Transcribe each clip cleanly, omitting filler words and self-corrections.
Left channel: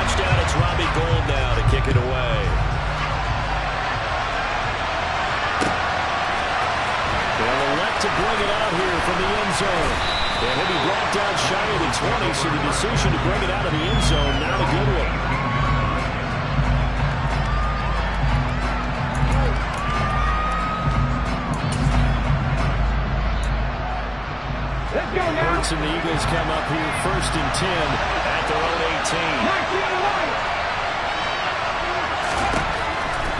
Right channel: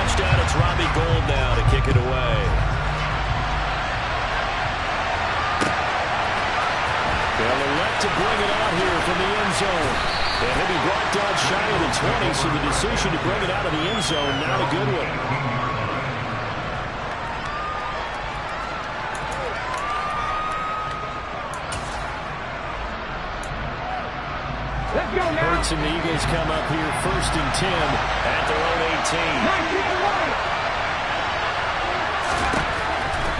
touchdown. It's Robbie Gould now to kick it away. They'll elect to bring it out here from the end zone. And he'll be brought down shy of the 20, so the decision to bring it out of the end zone, not a good one. Hurts and the Eagles come up here 1st and 10 at their own 18.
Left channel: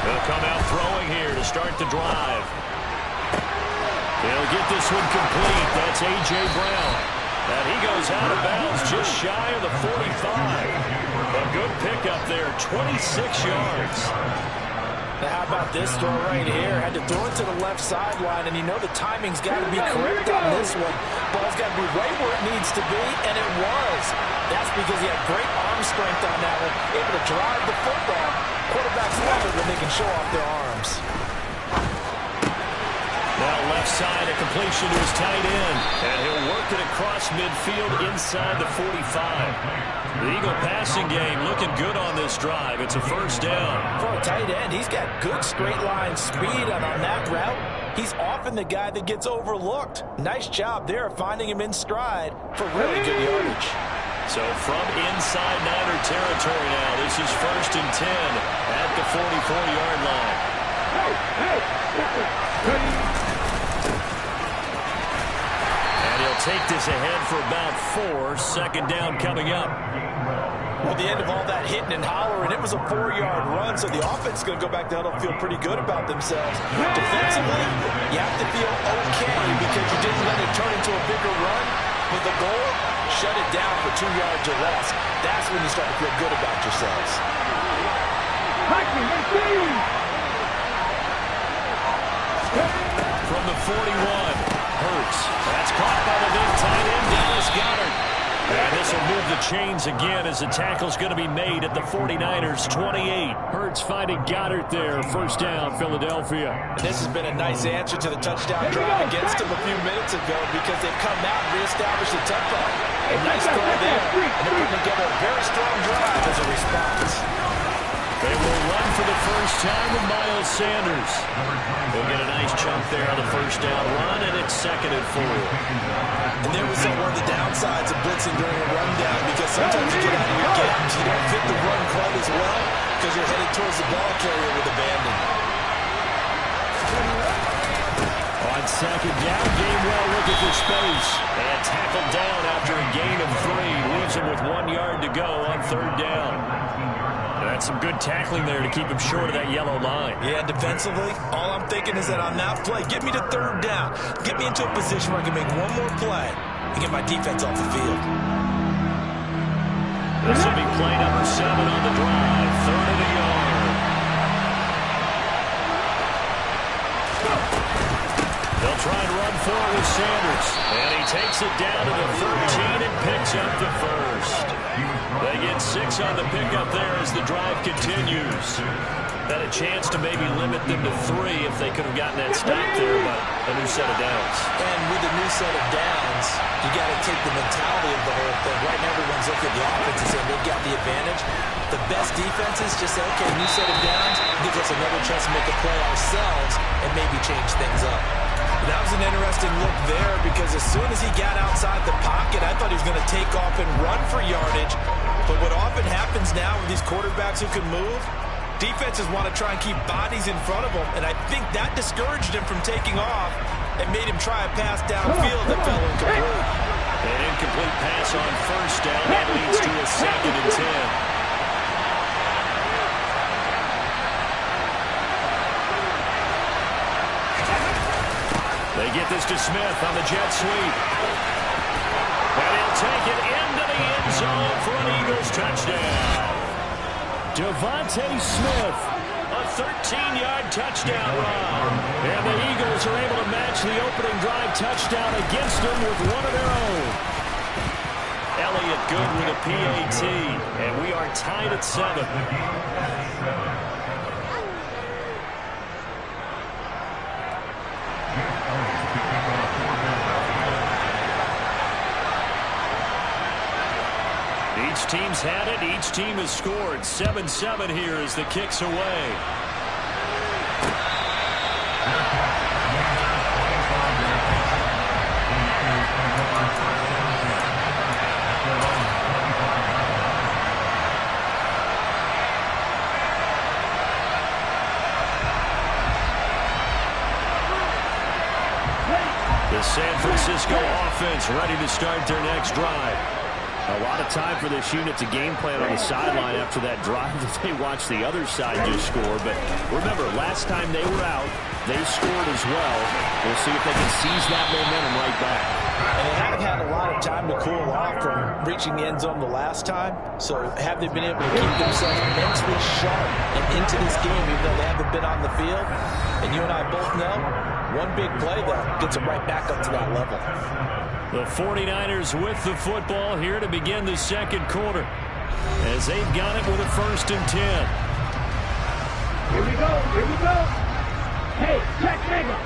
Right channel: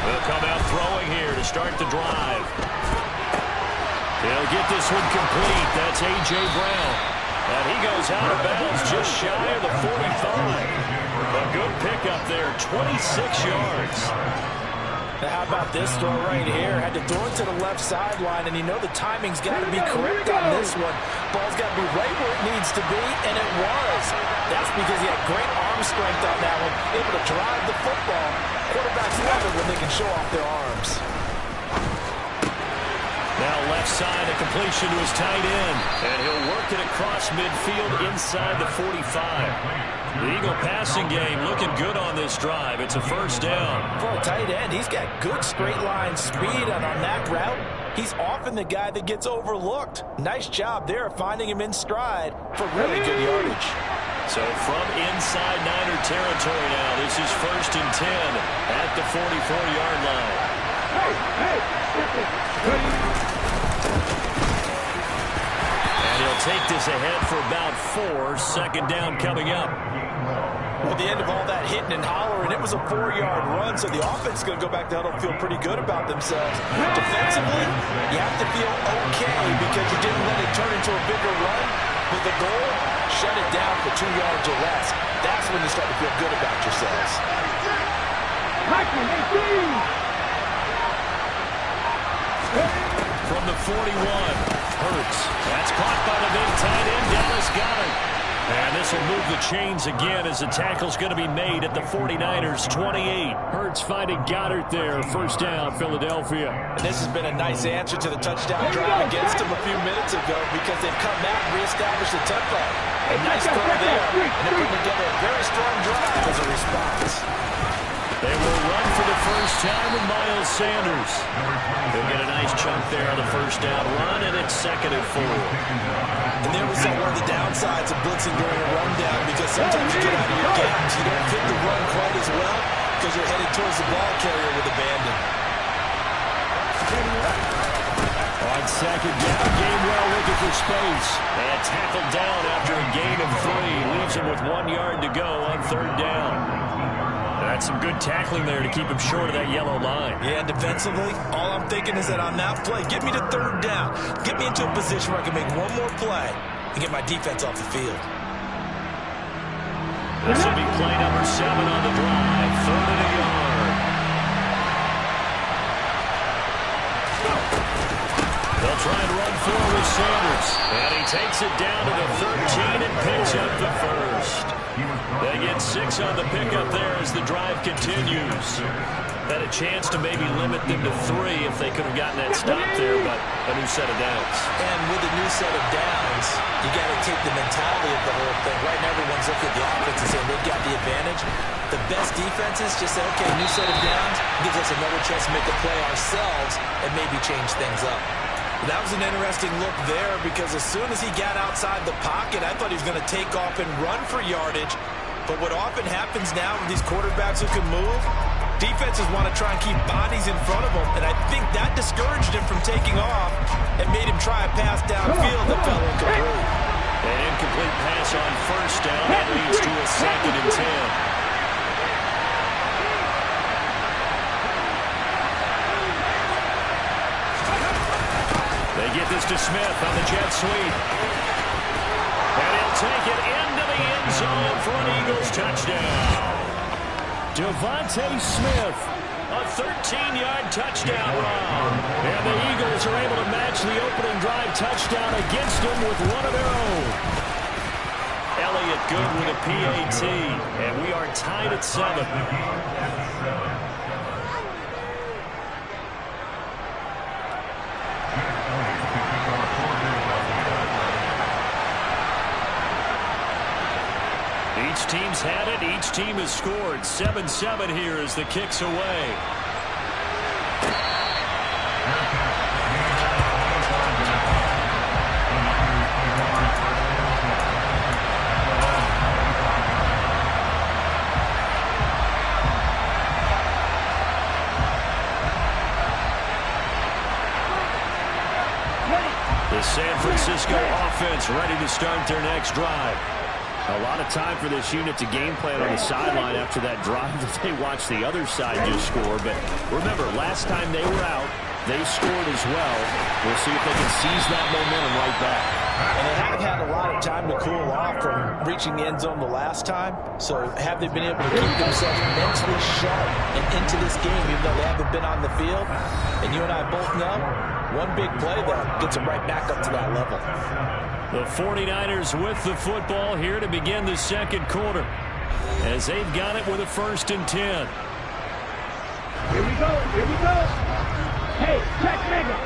They'll come out throwing here to start the drive. They'll get this one complete. That's A.J. Brown. And he goes out of bounds just shy of the 45. A good pickup there, 26 yards. Now how about this throw right here? Had to throw it to the left sideline, and you know the timing's got to be correct on this one. Ball's got to be right where it needs to be, and it was. That's because he had great arm strength on that one, able to drive the football. Quarterbacks love it when they can show off their arms. Now left side, a completion to his tight end, and he'll work it across midfield inside the 45. The Eagle passing game looking good on this drive. It's a 1st down. For a tight end, he's got good straight line speed, and on that route, he's often the guy that gets overlooked. Nice job there finding him in stride for really good yardage. So from inside Niner territory now, this is 1st and 10 at the 44-yard line. And he'll take this ahead for about 4. 2nd down coming up. Well, the end of all that hitting and hollering, it was a 4-yard run, so the offense is going to go back to huddle and feel pretty good about themselves. Defensively, you have to feel okay because you didn't let it turn into a bigger run. But the goal, shut it down for 2 yards or less. That's when you start to feel good about yourselves. From the 41, Hurts. That's caught by the big tight end, Dallas Goedert. And this will move the chains again as the tackle's going to be made at the 49ers' 28. Hurts finding Goedert there. 1st down, Philadelphia. And this has been a nice answer to the touchdown drive against them a few minutes ago because they've come out and reestablished the tempo. A nice throw there, and they're putting together a very strong drive as a response. They will run for the 1st time with Miles Sanders. He'll get a nice chunk there on the 1st down run, and it's 2nd and 4. And there was one of the downsides of blitzing during a rundown because sometimes you get out of your gaps. You don't fit the run quite as well because you're headed towards the ball carrier with abandon. On 2nd down, Gainwell looking for space. And tackled down after a gain of 3. Leaves him with 1 yard to go on 3rd down. And that's some good tackling there to keep him short of that yellow line. Yeah, defensively, all I'm thinking is that on that play, get me to 3rd down. Get me into a position where I can make one more play and get my defense off the field. This will be play number 7 on the drive. 3rd and a yard. They'll try and run forward with Sanders. And he takes it down to the 13 and picks up the 1st. They get 6 on the pickup there as the drive continues. Had a chance to maybe limit them to 3 if they could have gotten that stop there, but a new set of downs. And with a new set of downs, you got to take the mentality of the whole thing. Right now, everyone's looking at the offense and saying they've got the advantage. The best defenses just say, okay, new set of downs gives us another chance to make a play ourselves and maybe change things up. That was an interesting look there because as soon as he got outside the pocket, I thought he was going to take off and run for yardage. But what often happens now with these quarterbacks who can move, defenses want to try and keep bodies in front of them, and I think that discouraged him from taking off and made him try a pass downfield that fell incomplete. An incomplete pass on 1st down. That leads to a 2nd and 10. They get this to Smith on the jet sweep. And he'll take it into the end zone for an Eagles touchdown. Devontae Smith, a 13-yard touchdown run. And the Eagles are able to match the opening drive touchdown against them with one of their own. Elliott good with a PAT. And we are tied at 7. Each team's had it. Each team has scored. 7-7 here as the kick's away. The San Francisco offense ready to start their next drive. A lot of time for this unit to game plan on the sideline after that drive that they watched the other side just score. But remember, last time they were out, they scored as well. We'll see if they can seize that momentum right back. And they haven't had a lot of time to cool off from reaching the end zone the last time. So have they been able to keep themselves mentally sharp and into this game, even though they haven't been on the field? And you and I both know, one big play, though, gets them right back up to that level. The 49ers with the football here to begin the second quarter, as they've got it with a 1st and 10. Here we go, here we go. Hey, check mega.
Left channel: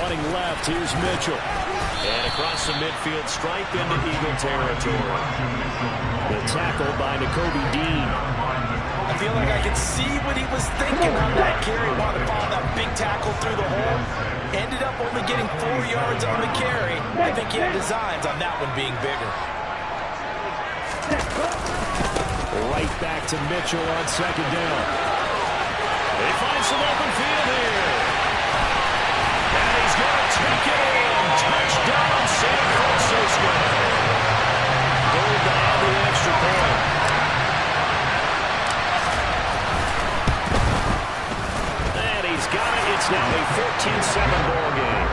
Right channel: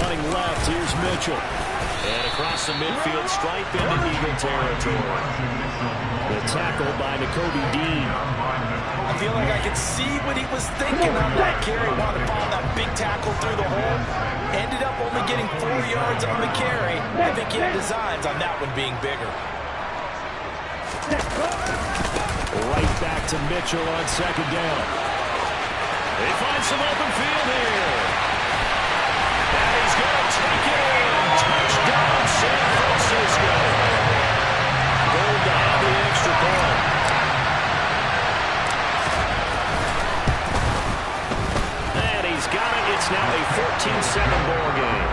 Running left, here's Mitchell. And across the midfield stripe into Eagle territory. The tackle by Nakobe Dean. I feel like I could see what he was thinking on that carry. Wanted to follow that big tackle through the hole. Ended up only getting 4 yards on the carry. I think he had designs on that one being bigger. Right back to Mitchell on 2nd down. They find some open field here. And he's going to take it in. Touchdown, San Francisco. Gold to have the extra point. And he's got it. It's now a 14-7 ball game.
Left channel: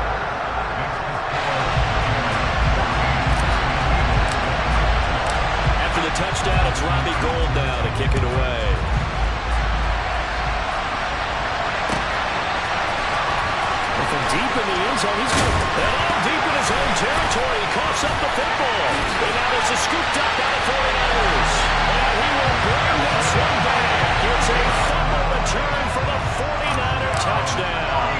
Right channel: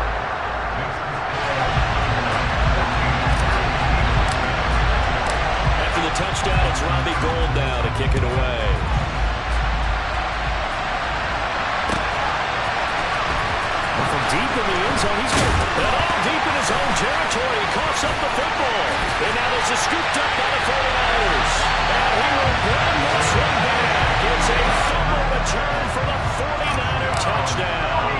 After the touchdown, it's Robbie Gould now to kick it away. From deep in the end zone, he's going to put that all deep in his own territory. He coughs up the football. And now there's a scooped up by the 49ers. And he will bring this one back. It's a fumble return for the 49er touchdown.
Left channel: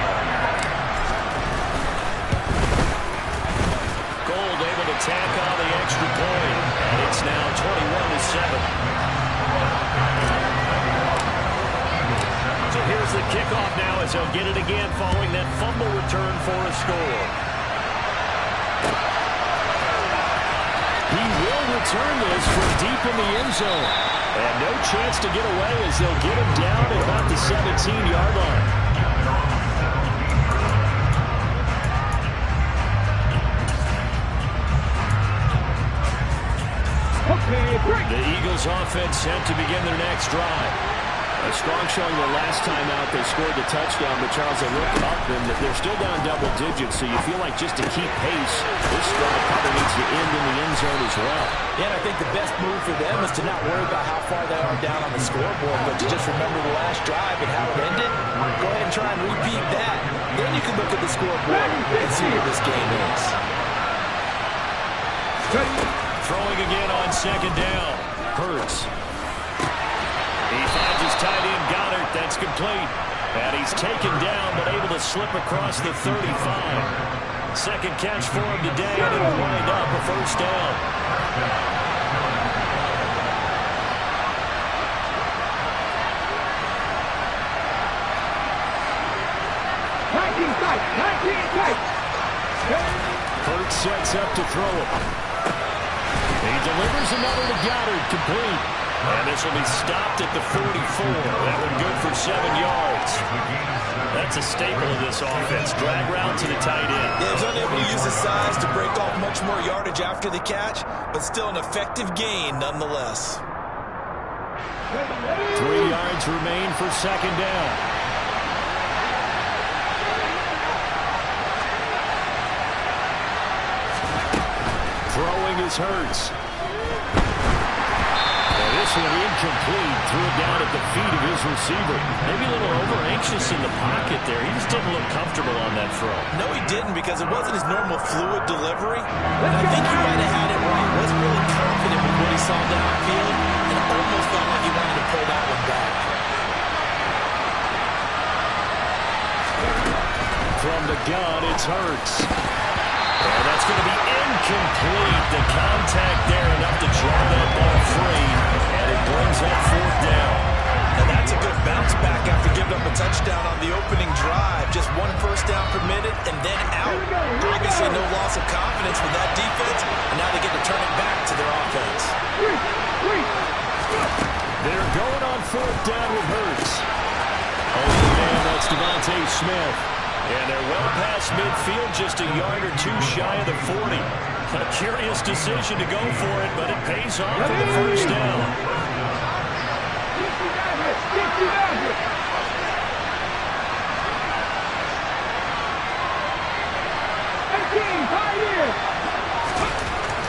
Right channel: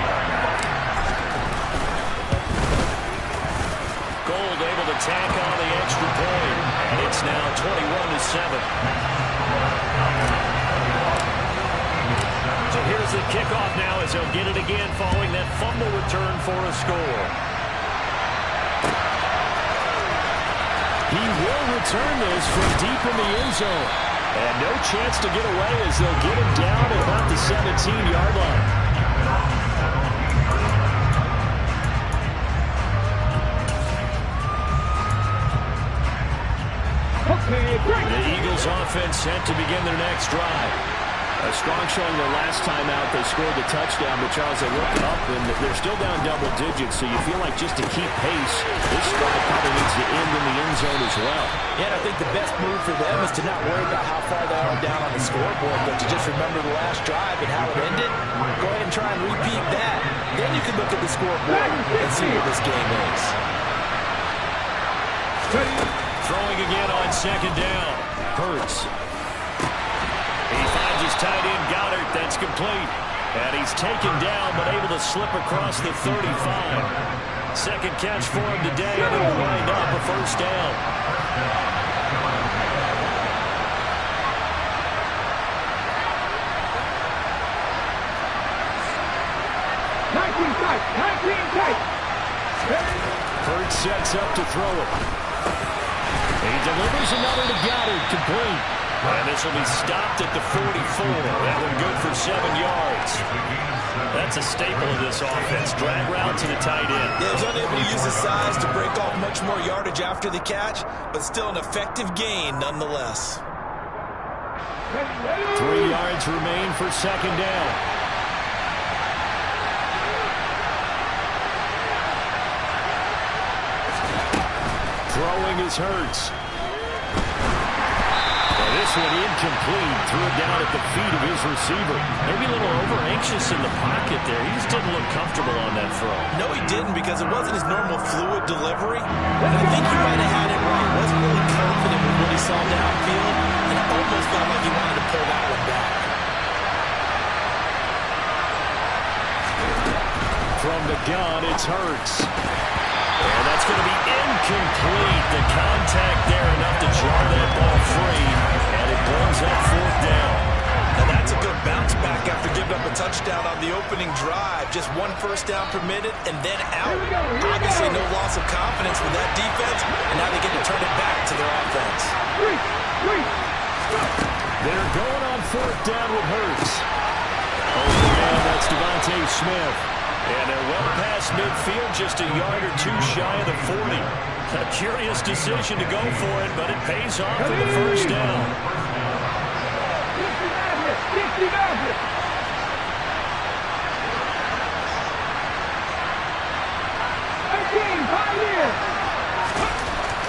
Gould able to tack on the extra point. And it's now 21-7. So here's the kickoff now as they'll get it again following that fumble return for a score. He will return this from deep in the end zone. And no chance to get away as they'll get him down at about the 17-yard line. Okay, break. The Eagles offense set to begin their next drive. A strong showing their last time out. They scored the touchdown, but Charles, they look up, and they're still down double digits, so you feel like just to keep pace, this drive probably needs to end in the end zone as well. Yeah, and I think the best move for them is to not worry about how far they are down on the scoreboard, but to just remember the last drive and how it ended. Go ahead and try and repeat that. Then you can look at the scoreboard and see where this game is. Throwing again on 2nd down. Hurts. He finds his tight end, Goddard. That's complete. And he's taken down, but able to slip across the 35. Second catch for him today, and it'll wind up a 1st down. Hurts sets up to throw it. He delivers another to Goddard, complete. And this will be stopped at the 44. That one good for 7 yards. That's a staple of this offense. Drag route to the tight end. Yeah, he's unable to use his size to break off much more yardage after the catch, but still an effective gain nonetheless. 3 yards remain for 2nd down. Throwing is Hurts. This one incomplete. Threw it down at the feet of his receiver. Maybe a little over-anxious in the pocket there. He just didn't look comfortable on that throw. No, he didn't, because it wasn't his normal fluid delivery. And I think he might have had it right. Wasn't really confident with what he saw downfield, and it almost felt like he wanted to pull that one back. From the gun, it's Hurts. And that's going to be incomplete. The contact there enough to jar that ball free, and it brings up 4th down. Now that's a good bounce back after giving up a touchdown on the opening drive. Just 1 first down permitted and then out. Obviously no loss of confidence with that defense, and now they get to turn it back to their offense. They're going on 4th down with Hurts. Open man, that's Devontae Smith. And they're well past midfield, just a yard or 2 shy of the 40. A curious decision to go for it, but it pays off for the first down.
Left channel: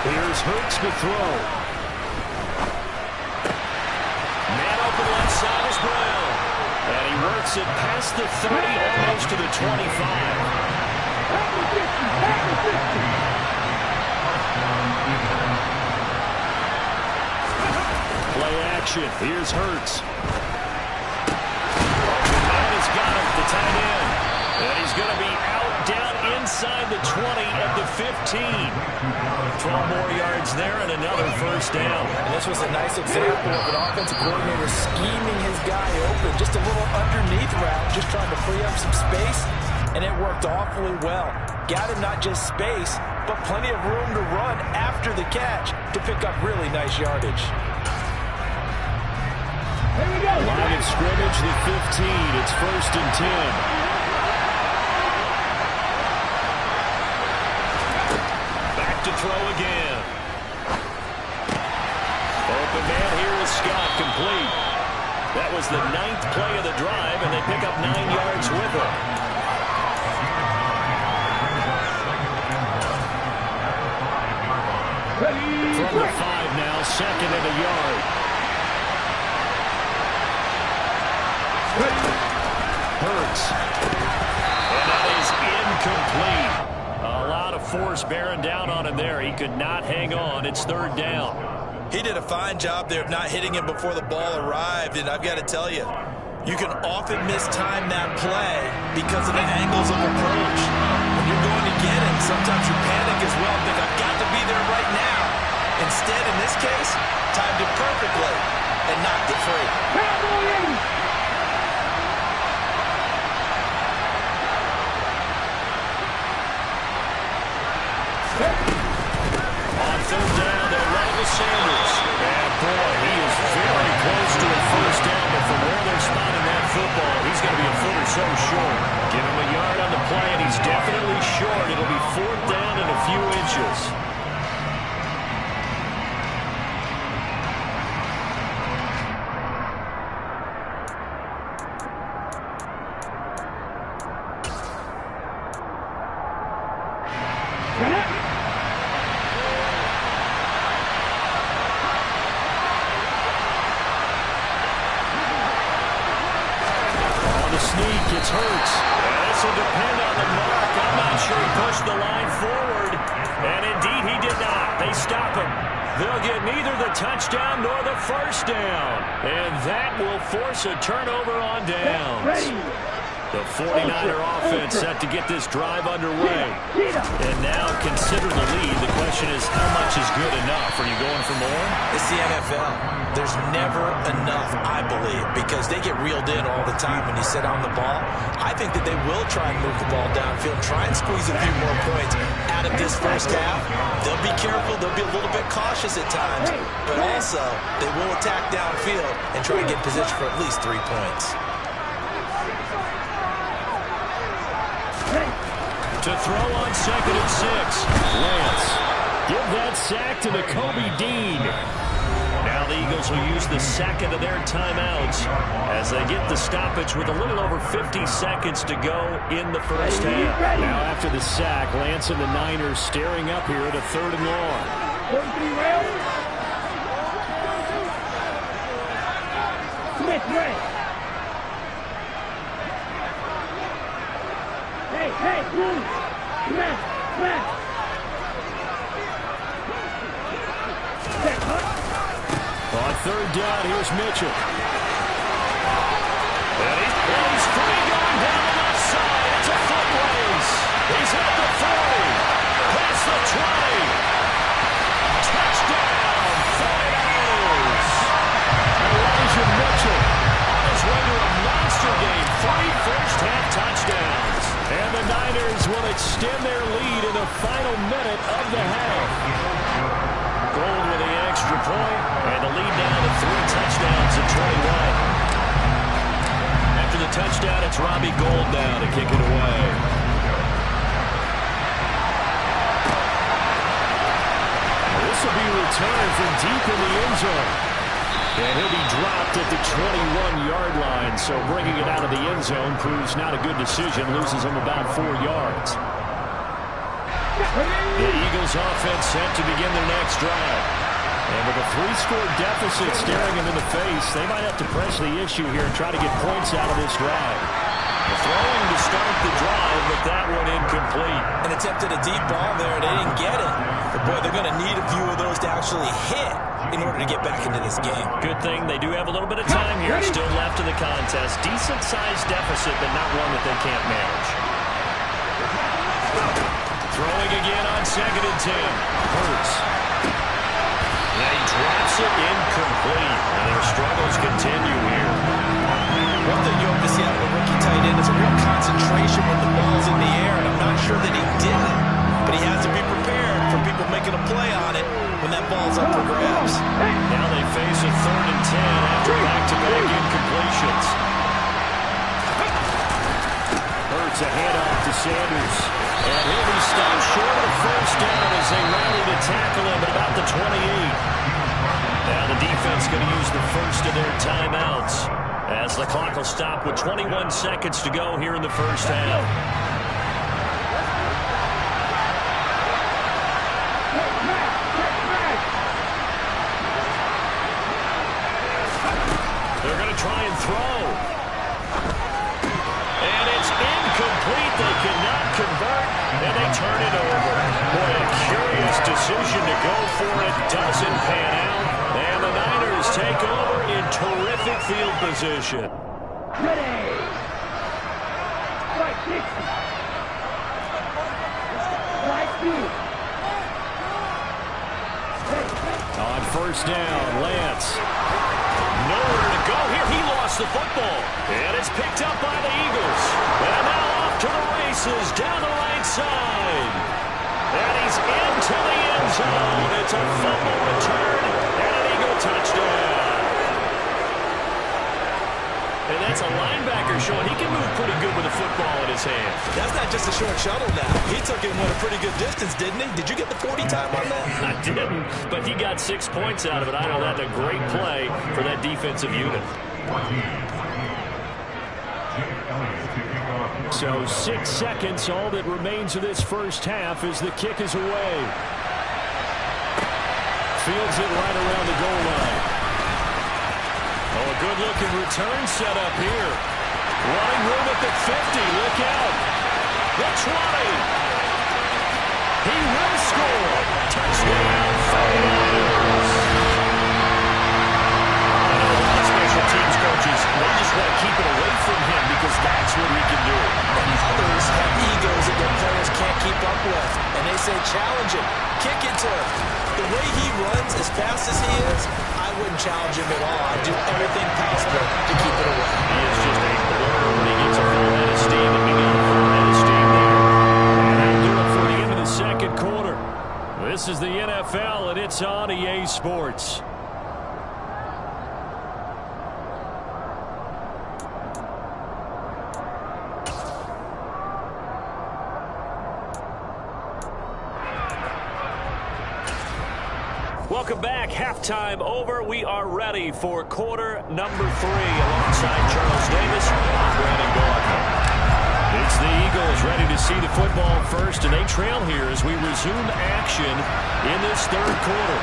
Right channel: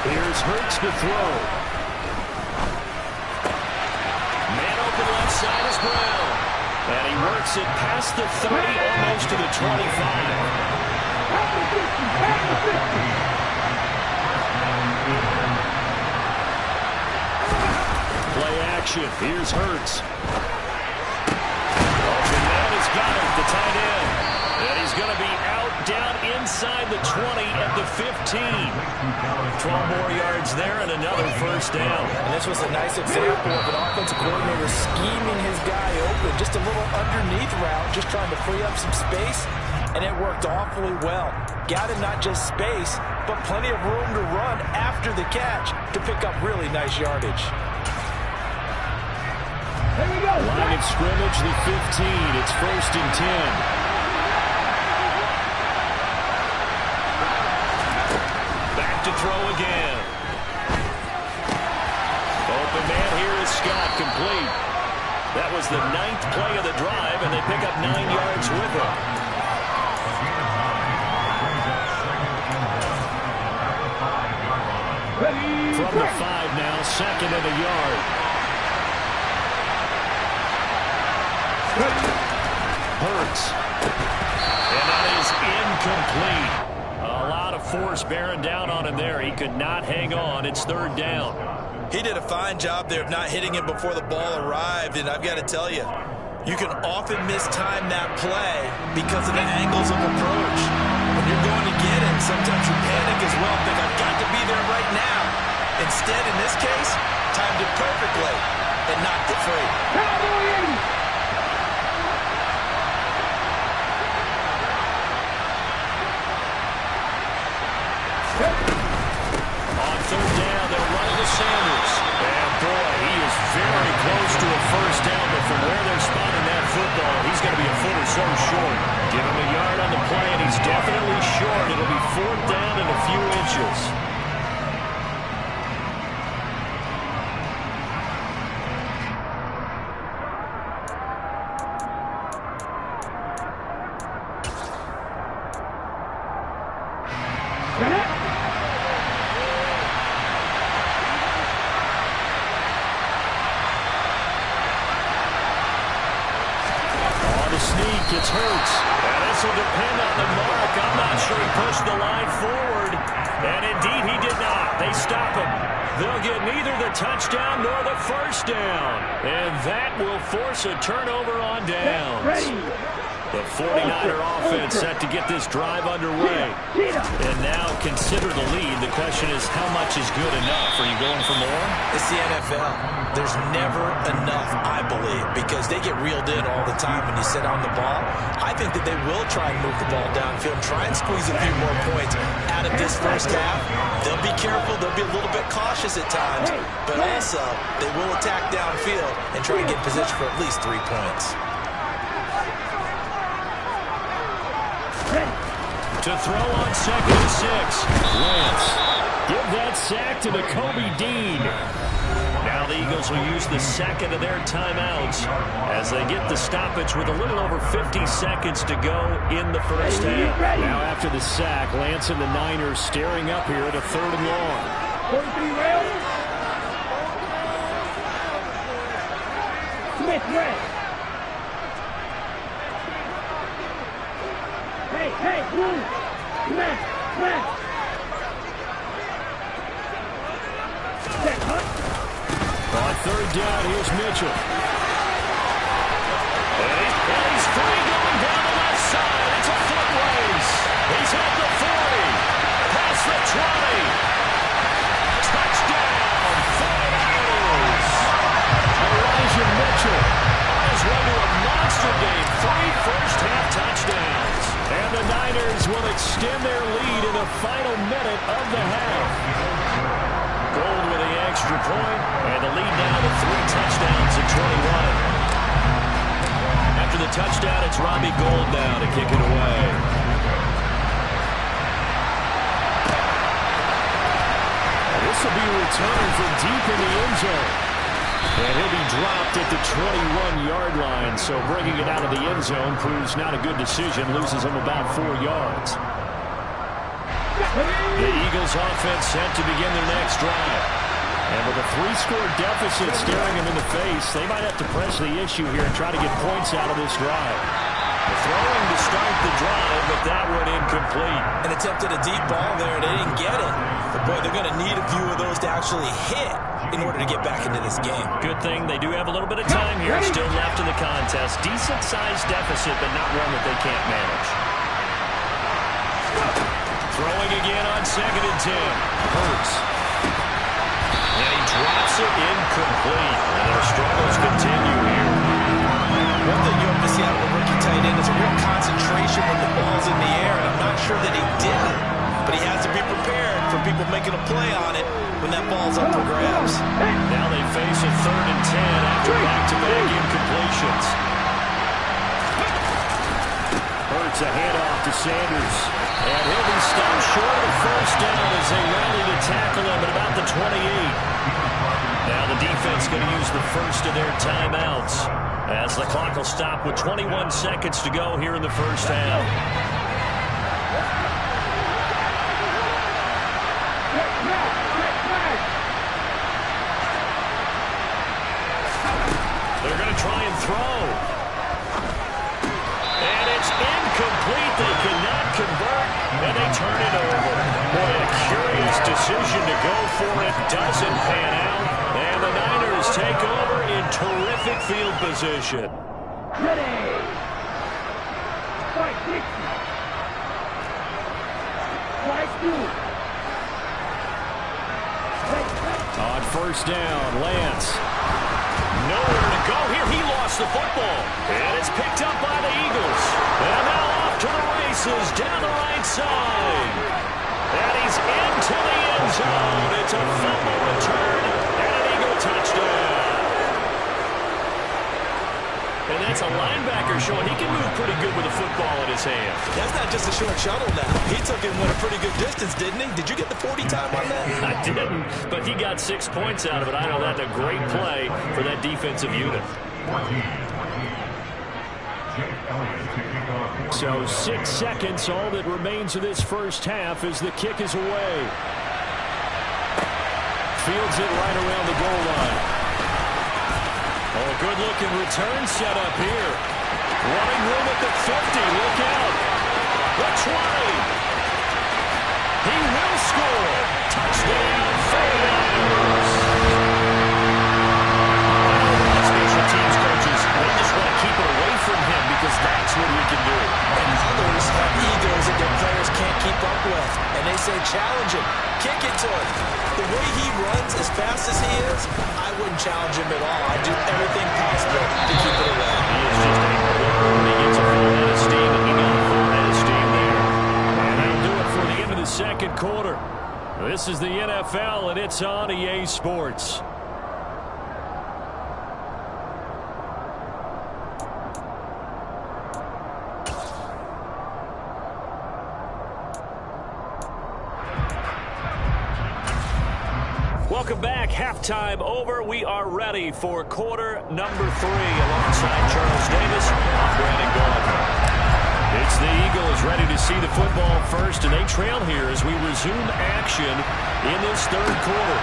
Here's Hurts to throw. Man open left side is Brown. And he works it past the 30, almost to the 25. Play action. Here's Hurts. Open man has got it, the tight end. And he's going to be out down inside the 20 at the 15. 12 more yards there and another first down. And this was a nice example of an offensive coordinator scheming his guy open. Just a little underneath route, just trying to free up some space. And it worked awfully well. Got him not just space, but plenty of room to run after the catch to pick up really nice yardage. Here we go. Line of scrimmage, the 15. It's 1st and 10. To throw again. Open man here is Scott, complete. That was the 9th play of the drive, and they pick up 9 yards with it. From the 5 now, 2nd and a yard. Hurts. And that is incomplete. A lot of force bearing down on him there. He could not hang on. It's 3rd down. He did a fine job there of not hitting him before the ball arrived, and I've got to tell you, you can often mistime that play because of the angles of approach. When you're going to get him, sometimes you panic as well, think, I've got to be there right now. Instead, in this case, timed it perfectly and knocked it free. On 3rd down, they'll run it with Sanders. And boy, he is very close to a first down, but from where they're spotting that football, he's going to be a foot or so short. Give him a yard on the play, and he's definitely short. It'll be 4th down and a few inches. It's Hurts. And this will depend on the mark. I'm not sure he pushed the line forward. And indeed he did not. They stop him. They'll get neither the touchdown nor the first down. And that will force a turnover on downs. The 49er offense set to get this drive underway. And now consider the lead. The question is, how much is good enough? Are you going for more? It's the NFL. There's never enough, I believe, because they get reeled in all the time when you sit on the ball. I think that they will try and move the ball downfield, try and squeeze a few more points out of this first half. They'll be careful. They'll be a little bit cautious at times, but also they will attack downfield and try and get position for at least 3 points. To throw on 2nd and 6. Lance. Give that sack to Kobe Dean. Now the Eagles will use the 2nd of their timeouts as they get the stoppage with a little over 50 seconds to go in the first half. Now after the sack, Lance and the Niners staring up here at a 3rd and long. 43 rails. Smith, Ray. Hey, move. Smash. On 3rd down, here's Mitchell. And he's free going down the left side. It's a foot race. He's at the 40. Past the 20. Touchdown, 49ers. Elijah Mitchell on his way to a monster game. 3 first-half touchdowns. And the Niners will extend their lead in the final minute of the half. Gold with the extra point, and the lead down to 3 touchdowns at 21. After the touchdown, it's Robbie Gould now to kick it away. This will be returned from deep in the end zone. And he'll be dropped at the 21-yard line, so bringing it out of the end zone proves not a good decision, loses him about 4 yards. The Eagles offense set to begin their next drive. And with a 3-score deficit staring them in the face, they might have to press the issue here and try to get points out of this drive. The throwing to start the drive, but that one incomplete. And attempted a deep ball there, and they didn't get it. But, boy, they're going to need a few of those to actually hit in order to get back into this game. Good thing they do have a little bit of time here still left in the contest. Decent-sized deficit, but not one that they can't manage. Throwing again on 2nd and 10. Hurts. And he drops it incomplete. And their struggles continue here. One thing you hope to see out of a rookie tight end is a real concentration when the ball's in the air, and I'm not sure that he did it. But he has to be prepared for people making a play on it when that ball's up for grabs. Now they face a 3rd and 10 after back-to-back incompletions. Hurts a handoff to Sanders. And he'll be stopped short of the first down as they rally to tackle him at about the 28. Now the defense going to use the first of their timeouts as the clock will stop with 21 seconds to go here in the first half. They're going to try and throw. And it's incomplete. They cannot convert, and they turn it over. Boy, a curious decision to go for it. Doesn't pan out. And the Niners take over in terrific field position. Ready. Fight 60. Fight 2. On first down, Lance. Nowhere to go here. He lost the football. And it's picked up by the Eagles. And now off to the races down the right side. And he's into the end zone. It's a fumble return and an Eagle touchdown. And that's a linebacker showing he can move pretty good with a football in his hand. That's not just a short shuttle now. He took it a pretty good distance, didn't he? Did you get the 40 time on that? I didn't, but he got 6 points out of it. I know that's a great play for that defensive unit. So 6 seconds, all that remains of this first half as the kick is away. Fields it right around the goal line. Oh, a good-looking return set up here. Running room at the 50. Look out. The 20. He will score. Touchdown, 49ers. I know a lot of special teams coaches, they just want to keep it away from him because that's what he can do. And others have egos that their players can't keep up with. And they say, challenge him. Kick it to him. The way he runs as fast as he is, I wouldn't challenge him at all. I'd do everything possible to keep it away. He is just a blur when he gets a full head of steam, and he got a full head of steam there. And that'll do it for the end of the second quarter. This is the NFL, and it's on EA Sports. Welcome back. Halftime over. We are ready for quarter number 3. Alongside Charles Davis, I'm Brandon Gaudner. It's the Eagles ready to see the football first, and they trail here as we resume action in this third quarter.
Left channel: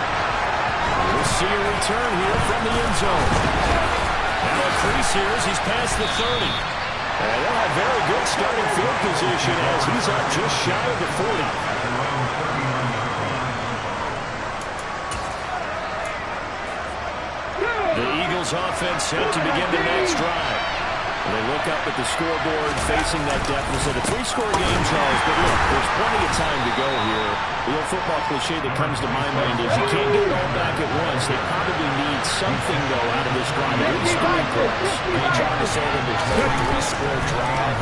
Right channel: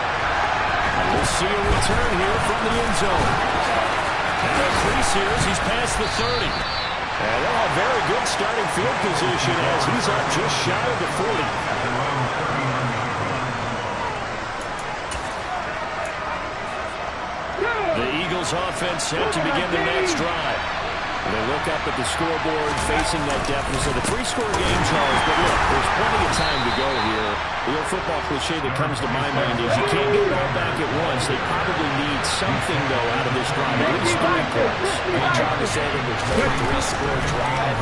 We'll see a return here from the end zone. Now a crease here as he's past the 30. And they'll have very good starting field position as he's up just shy of the 40. The Eagles offense set to begin their next drive. And they look up at the scoreboard facing that deficit. A 3-score game, Charles, but look, there's plenty of time to go here. The old football cliche that comes to my mind is you can't get it all back at once. They probably need something, though, out of this drive, at least 3 points. Are you trying to say that there's no 3-score drive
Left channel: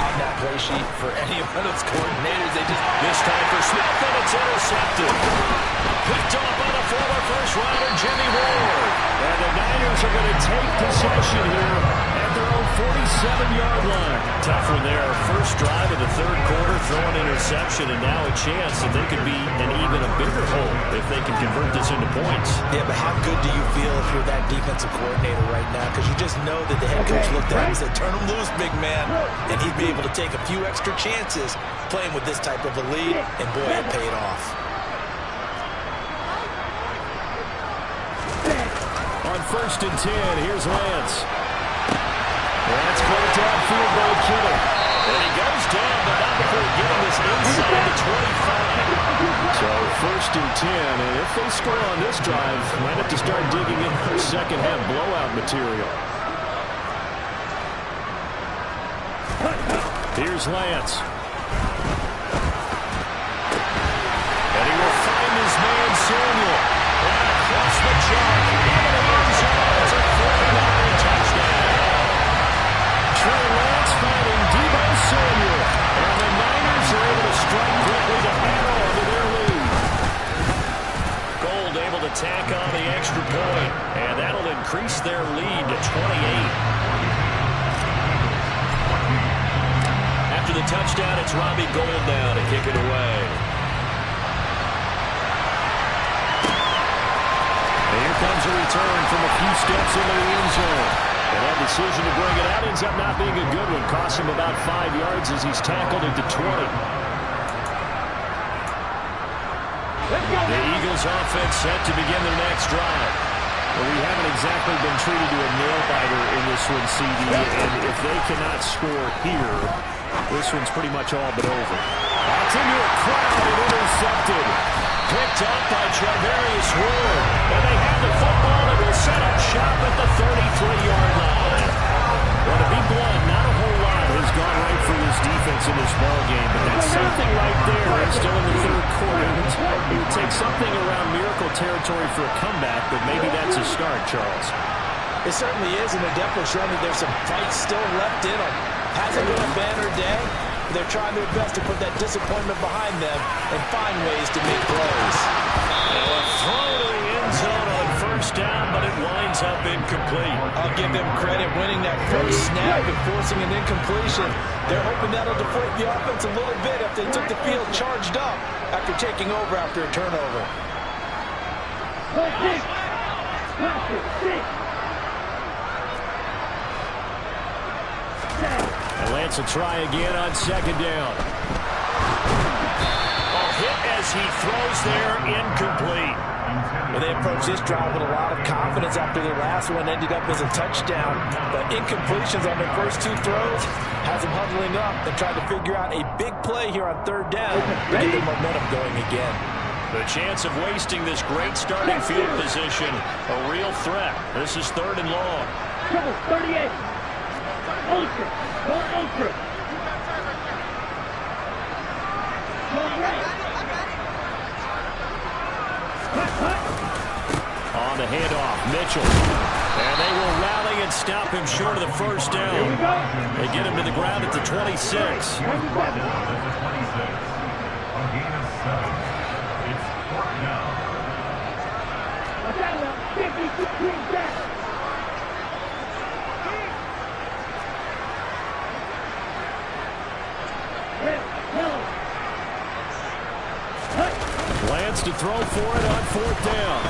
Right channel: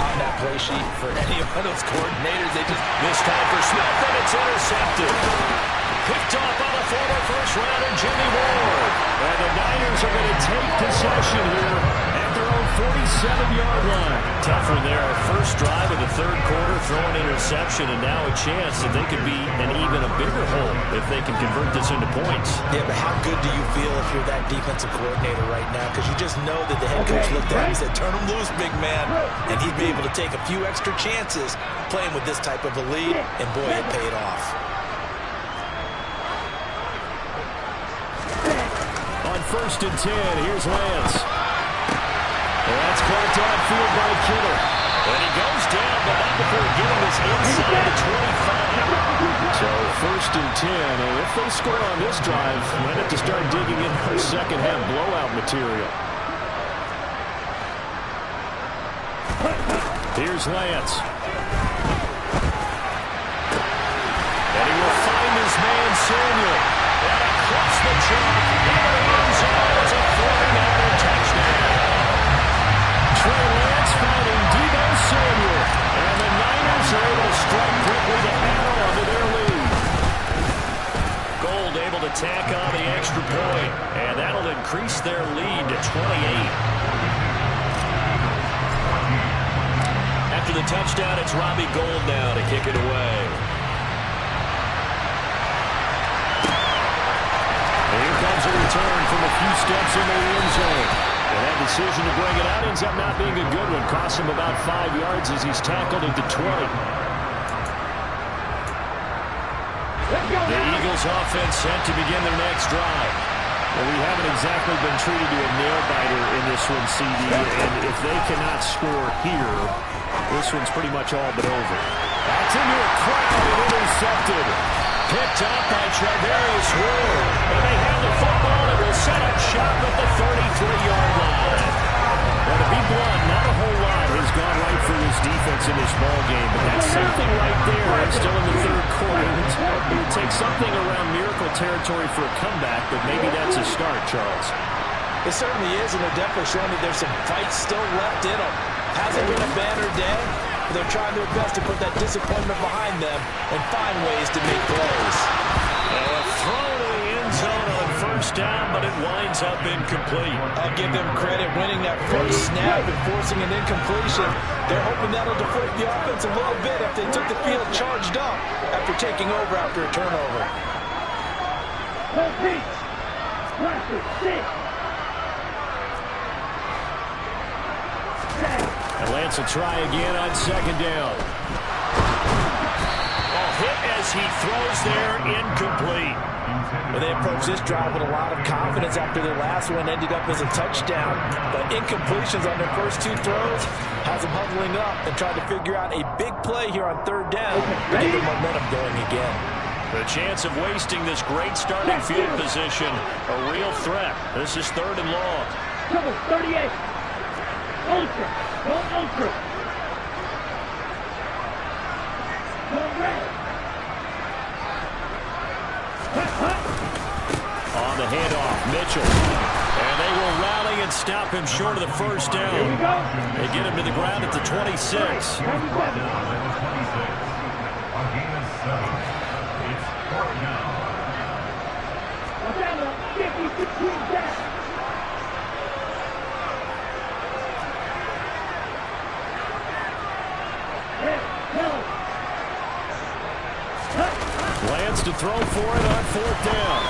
on that play sheet for any of those coordinators? This time for Smith, and it's intercepted. Picked off by the former first-rounder, Jimmy Ward. And the Niners are going to take possession here at their own 47-yard line. Tough one there. First drive of the third quarter, throw an interception, and now a chance that they could be an even a bigger hole if they can convert this into points. Yeah, but how good do you feel if you're that defensive coordinator right now? Because you just know that the head coach looked at him and said, turn him loose, big man. And he'd be able to take a few extra chances playing with this type of a lead, and boy, it paid off. On 1st and 10, here's Lance. That's caught downfield by Kittle. And he goes down, but not before getting this inside the 25. So 1st and 10, and if they score on this drive, might have to start digging in for second-half blowout material. Here's Lance. And he will find his man, Samuel. And across the chalk, into the end zone. It's a 49er touchdown. Trey Lance finding Deebo Samuel. And the Niners are able to strike quickly to add on to their lead. Gold able to tack on the extra point. And that'll increase their lead to 28. After the touchdown, it's Robbie Gould now to kick it away. And here comes a return from a few steps into the end zone. And that decision to bring it out ends up not being a good one. Cost him about 5 yards as he's tackled at the 20. The Eagles offense set to begin their next drive. Well, we haven't exactly been treated to a nail-biter in this one, CD. And if they cannot score here, this one's pretty much all but over. That's into a crowd and intercepted. Picked up by Charvarius Ward. And they have the football that will set up shop at the 33-yard line. Well, to be blunt, not a whole lot has gone right for this defense in this ball game, but that's something right there. And still in the third quarter. It would take something around miracle territory for a comeback, but maybe that's a start, Charles. It certainly is, and they're definitely showing that there's some fight still left in them. Hasn't been a banner day. They're trying their best to put that disappointment behind them and find ways to make plays. A throw to the end zone on first down, but it winds up incomplete. I'll give them credit winning that first snap and forcing an incompletion. They're hoping that'll deflate the offense a little bit if they took the field charged up after taking over after a turnover. And Lance will try again on second down. Oh, hit as he throws there, incomplete. Well, they approached this drive with a lot of confidence after their last one ended up as a touchdown. But incompletions on their first 2 throws has them huddling up and trying to figure out a big play here on third down to get the momentum going again. The chance of wasting this great starting field position, a real threat. This is 3rd and long. Trouble, 38. Ultra. Go ultra. Go red. On the handoff, Mitchell. And they will rally and stop him short of the first down. Here we go. They get him to the ground at the 26. Watch out now. 50, 16, back. Lance to throw for it on 4th down.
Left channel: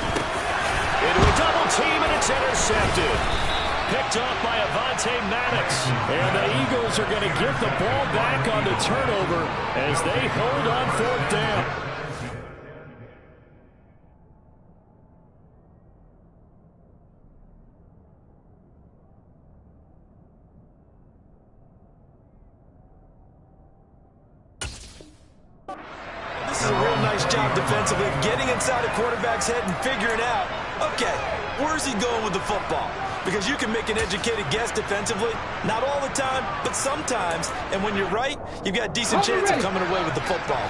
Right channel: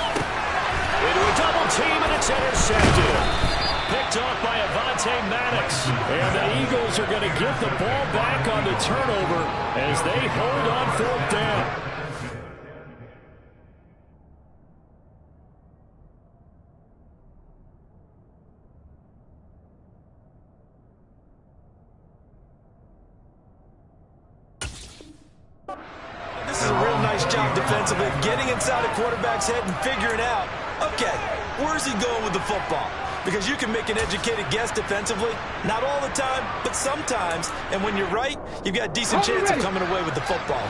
Into a double team, and it's intercepted. Picked off by Avonte Maddox. And the Eagles are going to get the ball back on the turnover as they hold on 4th down. This is a real nice job defensively of getting inside a quarterback's head and figuring out, okay, where's he going with the football? Because you can make an educated guess defensively. Not all the time, but sometimes. And when you're right, you've got a decent chance of coming away with the football.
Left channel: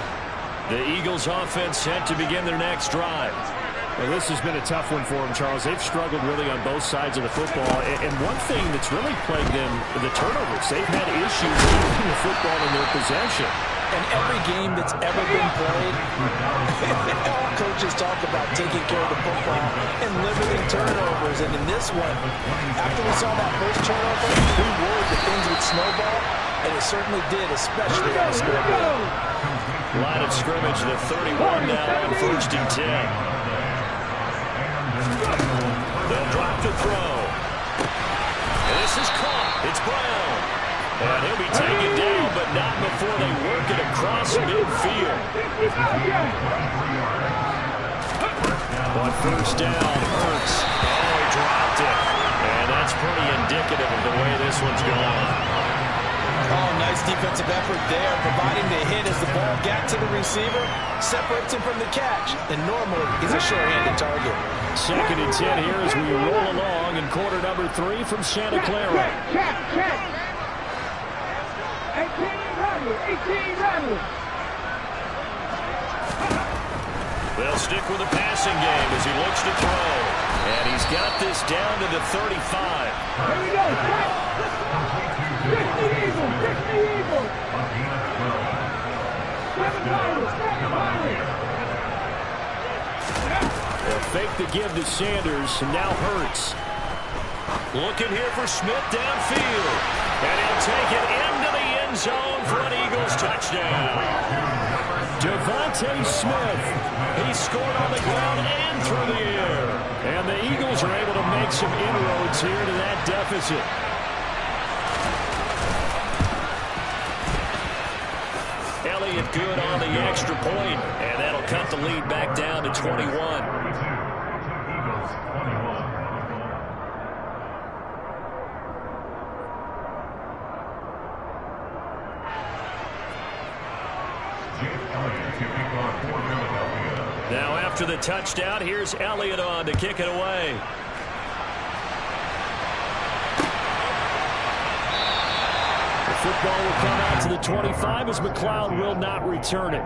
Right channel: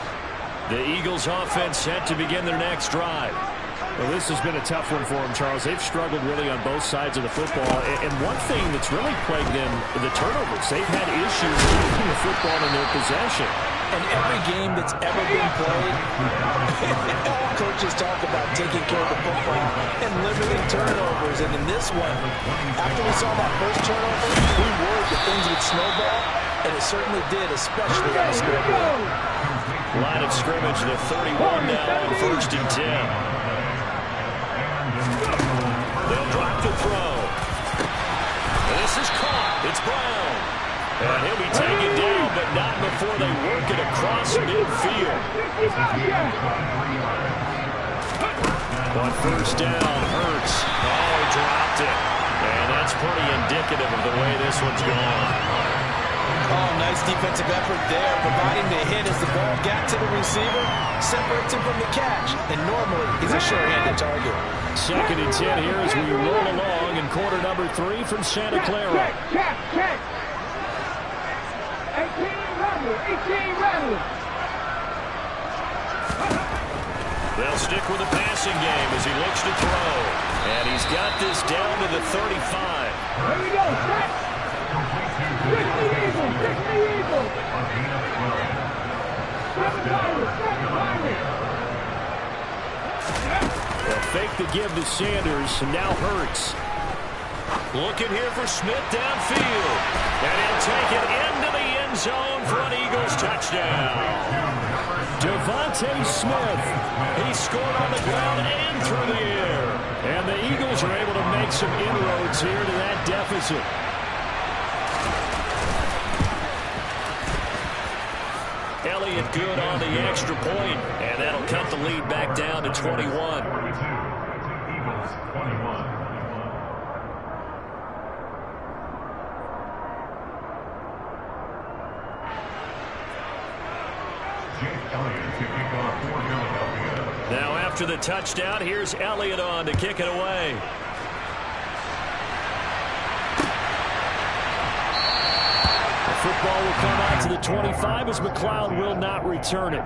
The Eagles offense set to begin their next drive. Well, this has been a tough one for them, Charles. They've struggled really on both sides of the football. And one thing that's really plagued them, the turnovers. They've had issues keeping the football in their possession. And every game that's ever been played, all coaches talk about taking care of the football and limiting turnovers. And in this one, after we saw that first turnover, we worried that things would snowball, and it certainly did, especially on the scoreboard. Line of scrimmage, the 31 now on 1st and 10. They'll drop the throw. This is caught. It's Brown. And he'll be taken down, but not before they work it across midfield. But first down hurts. Oh, he dropped it. And that's pretty indicative of the way this one's gone. Oh, nice defensive effort there, providing the hit as the ball got to the receiver, separates him from the catch, and normally he's a sure-handed target. 2nd and 10 here as we roll along in quarter number 3 from Santa Clara. Check. 18 Rattler. They'll stick with the passing game as he looks to throw. And he's got this down to the 35. Here we go. Fix the Eagles. 7 They'll fake the give to Sanders, and now Hurts. Looking here for Smith downfield. And he'll take it into the end zone for an Eagles touchdown. Devontae Smith. He scored on the ground and through the air. And the Eagles are able to make some inroads here to that deficit. Elliott good on the extra point, and that'll cut the lead back down to 21. Eagles 21. Now after the touchdown, here's Elliott on to kick it away. The football will come out to the 25 as McLeod will not return it.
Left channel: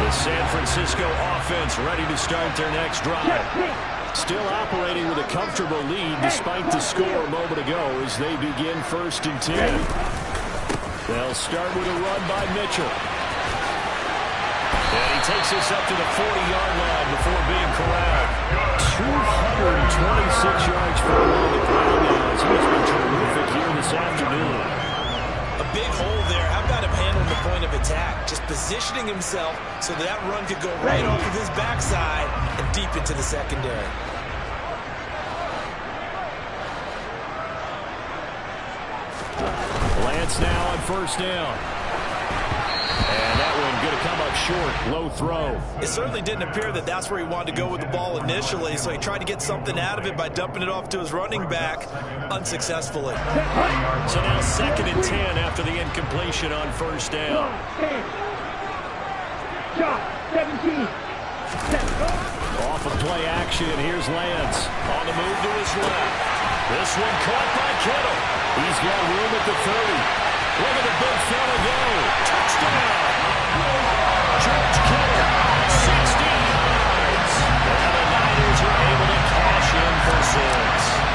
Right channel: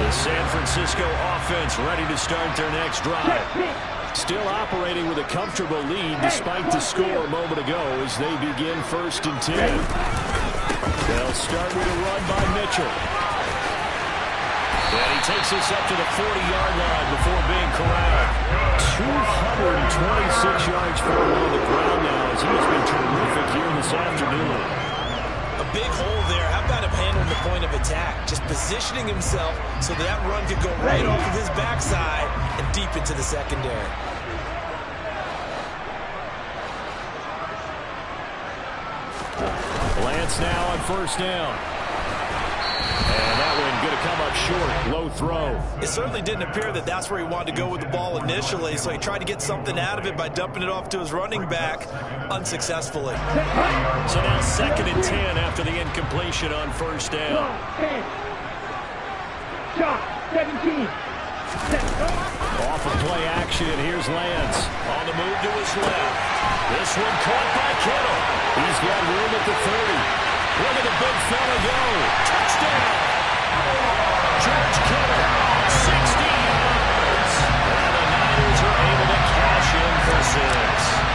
The San Francisco offense ready to start their next drive. Still operating with a comfortable lead despite the score a moment ago as they begin 1st and 10. They'll start with a run by Mitchell. And he takes us up to the 40-yard line before being corralled. 226 yards for him on the ground now as he has been terrific here this afternoon. A big hole there. How about him handling the point of attack? Just positioning himself so that run could go right off of his backside and deep into the secondary. Lance now on 1st down. And that one going to come up short. Low throw. It certainly didn't appear that that's where he wanted to go with the ball initially, so he tried to get something out of it by dumping it off to his running back unsuccessfully. So now 2nd and 10 after the incompletion on 1st down. 17. Off of play action, here's Lance. On the move to his left. This one caught by Kittle. He's got room at the 30. Look at the big fella go. Touchdown. George Kittle, 60 yards. And the Niners are able to cash in for 6.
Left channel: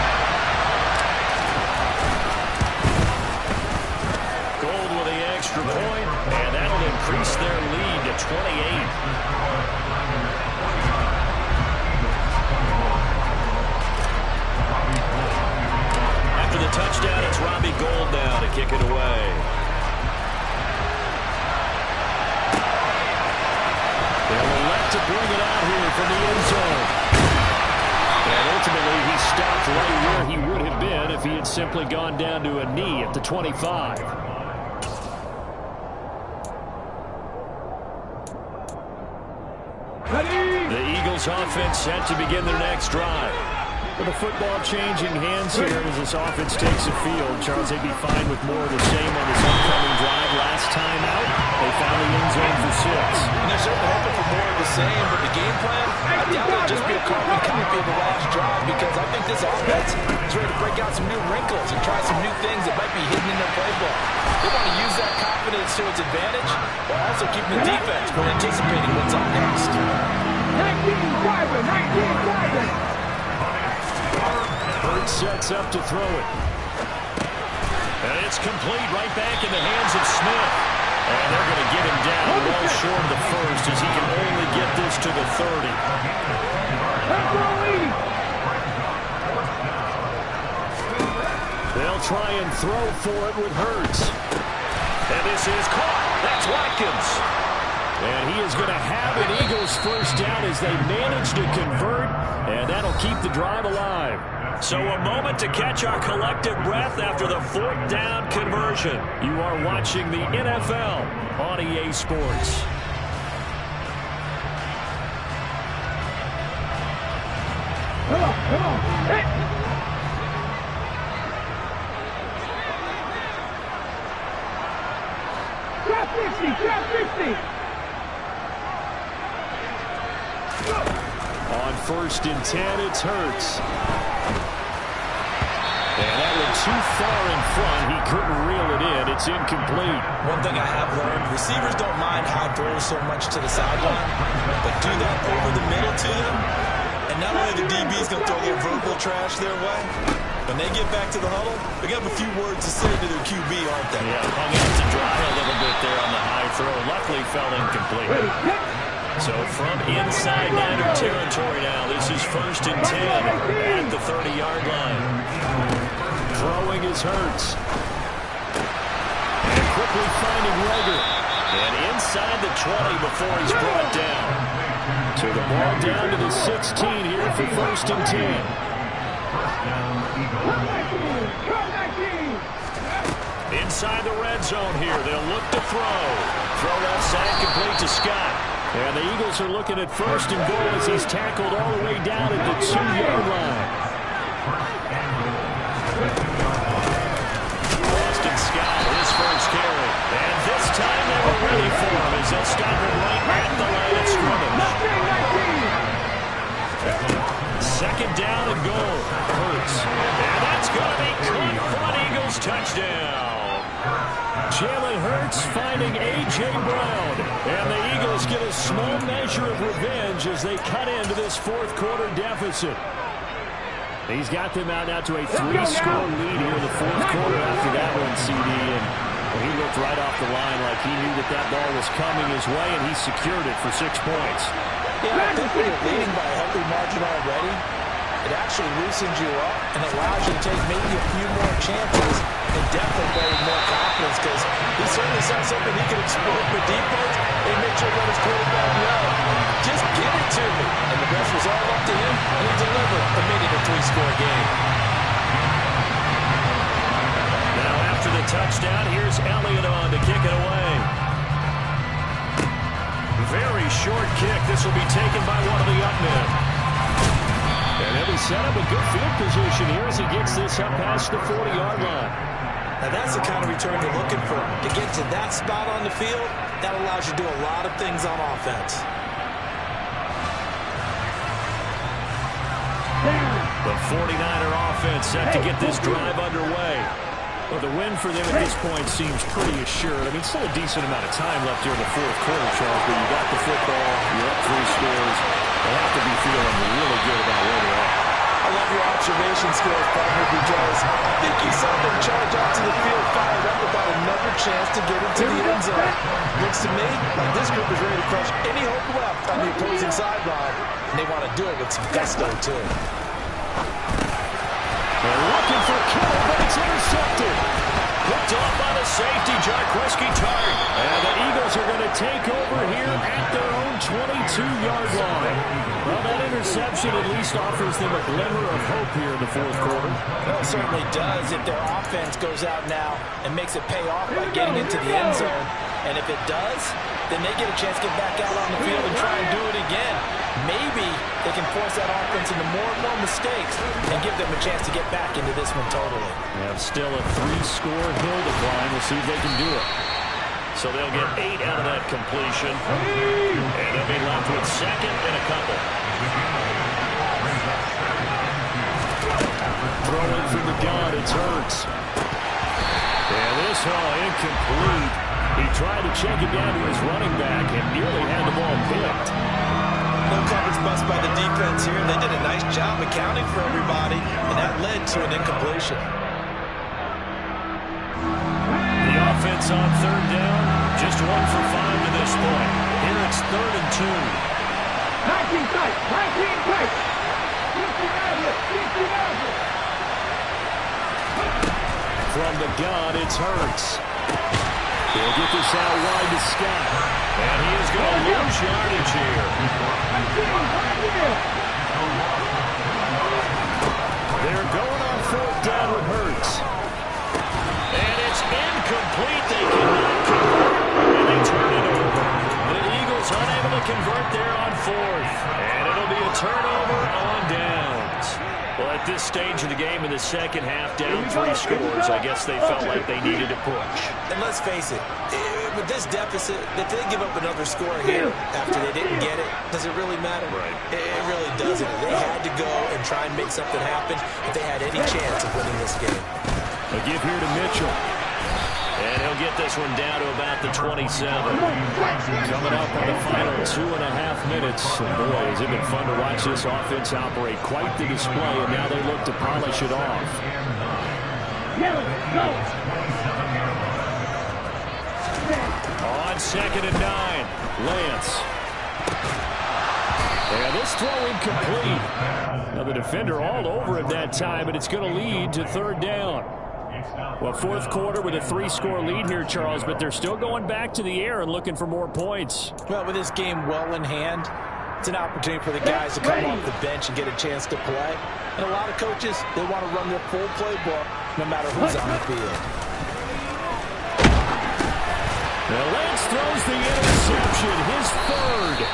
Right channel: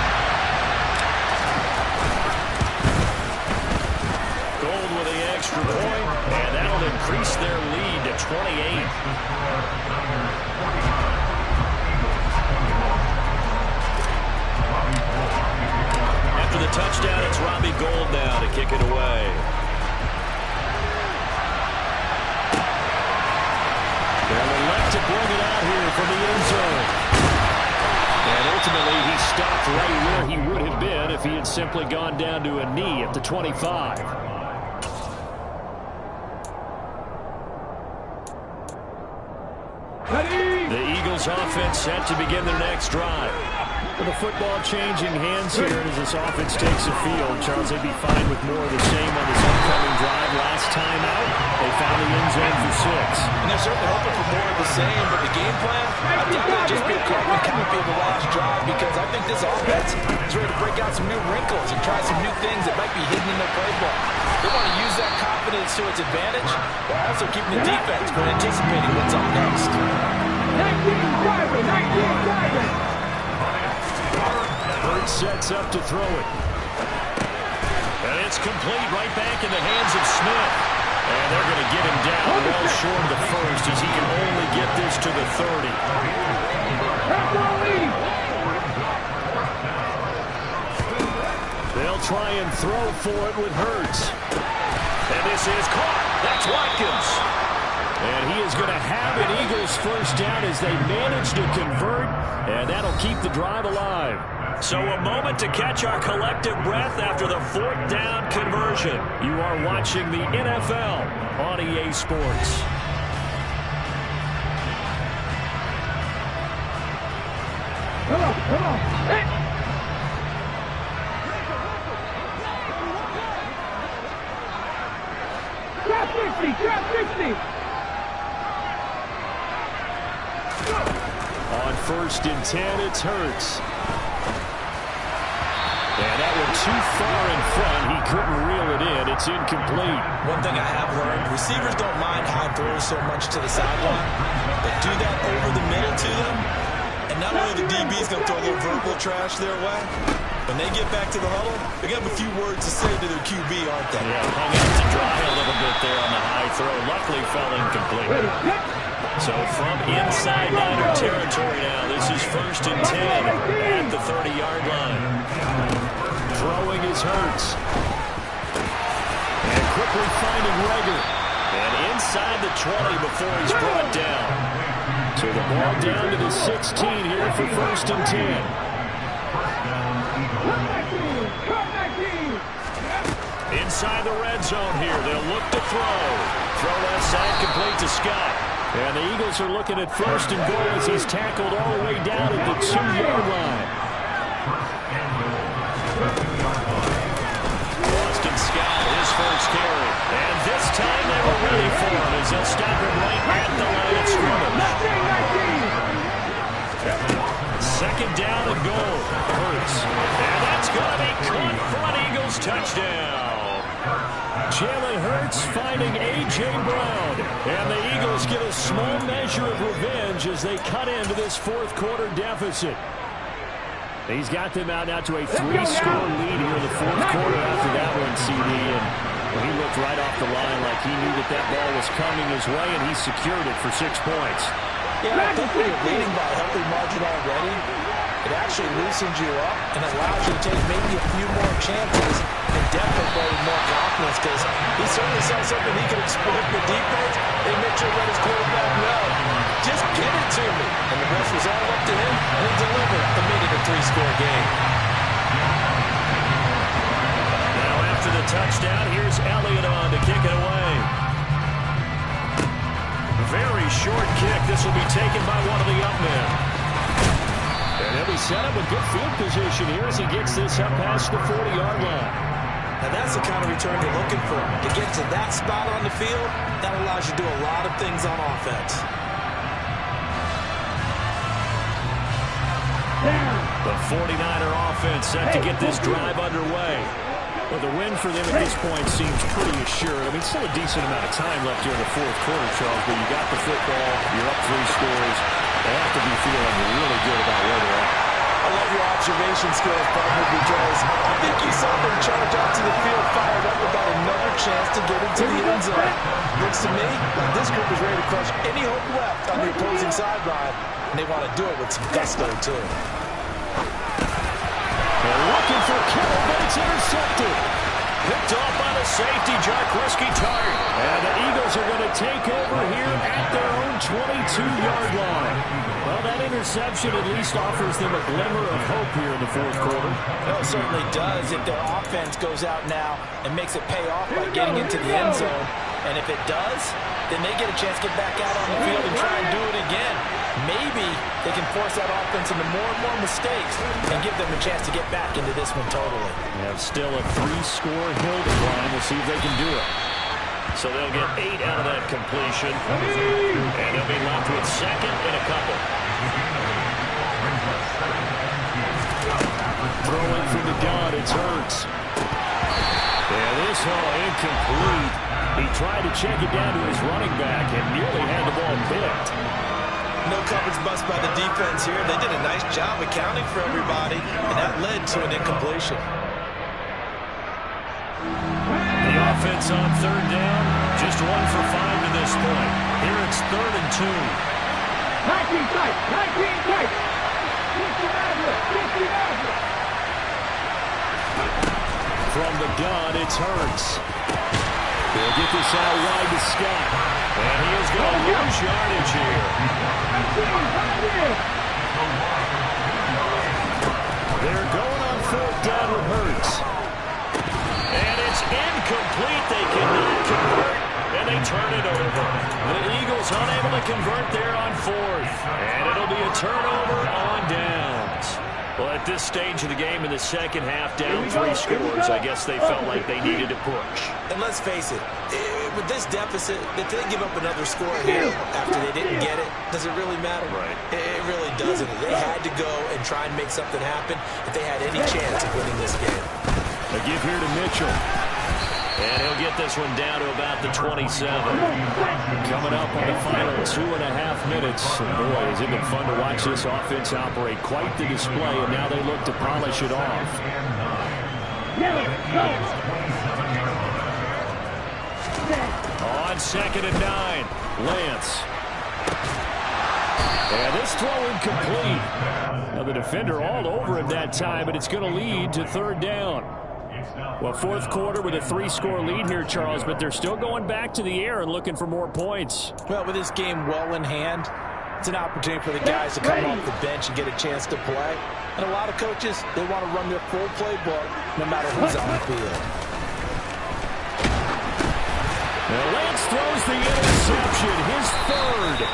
Gold with the extra point, and that'll increase their lead to 28. After the touchdown, it's Robbie Gould now to kick it away. They'll elect to bring it out here from the end zone. And ultimately, he stopped right where he would have been if he had simply gone down to a knee at the 25. The Eagles offense set to begin their next drive. With the football changing hands here as this offense takes the field, Charles, they'd be fine with more of the same on this upcoming drive. Last time out, they found the end zone for 6. And they're certainly hoping for more of the same, but the game plan, I doubt it'll just be a carbon copy of the last drive, because I think this offense is ready to break out some new wrinkles and try some new things that might be hidden in their playbook. They want to use that confidence to its advantage, while also keeping the defense from anticipating what's up next. 19 driver, 19 driver. Bird sets up to throw it. And it's complete right back in the hands of Smith. And they're going to get him down well short of the first as he can only get this to the 30. They'll try and throw for it with Hurts. And this is caught. That's Watkins. And he is going to have an Eagles first down as they manage to convert, and that'll keep the drive alive. So a moment to catch our collective breath after the 4th down conversion. You are watching the NFL on EA Sports. Come on. Hey. Trap 50. On 1st and 10, it's Hurts. And that one too far in front. He couldn't reel it in. It's incomplete. One thing I have learned, receivers don't mind high throws so much to the sideline, but do that over the middle to them, and not only the DB's going to throw a little verbal trash their way, when they get back to the huddle, they're going to have a few words to say to their QB, aren't they? Yeah, hung out to dry a little bit there on the high throw. Luckily fell incomplete. So from inside Niner territory now, this is 1st and 10 at the 30-yard line. Throwing is Hurts. And quickly finding Rager. And inside the 20 before he's brought down. So the ball down to the 16 here for 1st and 10. Inside the red zone here, they'll look to throw. Throw left side complete to Scott. And the Eagles are looking at 1st and goal as he's tackled all the way down at the 2-yard line. Boston Scott, his first carry. And this time they were ready for him as they'll stop him right at the line of scrimmage. 2nd down and goal. Hurts. And that's going to be caught for an Eagles touchdown. Jalen Hurts finding A.J. Brown. And the Eagles get a small measure of revenge as they cut into this 4th quarter deficit. He's got them out now to a 3-score lead here in the 4th quarter after that one, CD. And well, he looked right off the line like he knew that ball was coming his way, and he secured it for 6 points. Yeah, I think when you're leading by a healthy margin already, it actually loosens you up and allows you to take maybe a few more chances and definitely play with more confidence, because he certainly saw something he could exploit with defense. They made sure to let his quarterback know, just get it to me. And the rest was all up to him, and he delivered and made it a 3-score game. Now after the touchdown, here's Elliott on to kick it away. Very short kick. This will be taken by one of the up men. And he'll be set up with good field position here as he gets this up past the 40-yard line. Now that's the kind of return you're looking for. To get to that spot on the field, that allows you to do a lot of things on offense. The 49er offense set to get this drive underway. Well, the win for them at this point seems pretty assured. I mean, still a decent amount of time left here in the 4th quarter, Charles, but you got the football, you're up 3 scores. They have to be feeling really good about where they're at. I love your observation skills, partner, because I think you saw them charge out to the field, fired up about another chance to get into the end zone. Looks to me like this group is ready to crush any hope left on the opposing sideline, and they want to do it with some gusto, too. They're looking for Kittle, but it's intercepted. Picked off by the safety, Jarquiski Tart. And the Eagles are going to take over here at their own 22-yard line. Well, that interception at least offers them a glimmer of hope here in the 4th quarter. Well, it certainly does if their offense goes out now and makes it pay off by getting into the end zone. And if it does, then they get a chance to get back out on the field and try and do it again. Maybe they can force that offense into more and more mistakes and give them a chance to get back into this one totally. They have still a 3-score hill to climb. We'll see if they can do it. So they'll get 8 out of that completion. And they'll be left with second and a couple. Throwing from the gun, it's Hurts. And this incomplete. He tried to check it down to his running back and nearly had the ball picked. No coverage bust by the defense here. They did a nice job accounting for everybody, and that led to an incompletion. The offense on third down, just 1 for 5 to this point. Here it's 3rd and 2. 19 tight, 19 tight. 59. From the gun, it's Hurts. He'll get this out wide to Scott. And he is going to lose yardage here. They're going on 4th down with Hurts. And it's incomplete. They cannot convert, and they turn it over. The Eagles unable to convert there on 4th. And it'll be a turnover on downs. Well, at this stage of the game in the second half, down 3 scores, I guess they felt like they needed to push. And let's face it, with this deficit, if they give up another score here after they didn't get it, does it really matter? Right. It really doesn't. They had to go and try and make something happen if they had any chance of winning this game. A give here to Mitchell. And he'll get this one down to about the 27. Coming up on the final 2.5 minutes. And boy, has it been fun to watch this offense operate. Quite the display, and now they look to polish it off. On 2nd and 9, Lance. And this throw incomplete. Now the defender all over him that time, but it's going to lead to 3rd down. Well, 4th quarter with a 3-score lead here, Charles, but they're still going back to the air and looking for more points. Well, with this game well in hand, it's an opportunity for the guys to come off the bench and get a chance to play. And a lot of coaches, they want to run their full playbook no matter who's on the field. Now Lance throws the interception, his 3rd.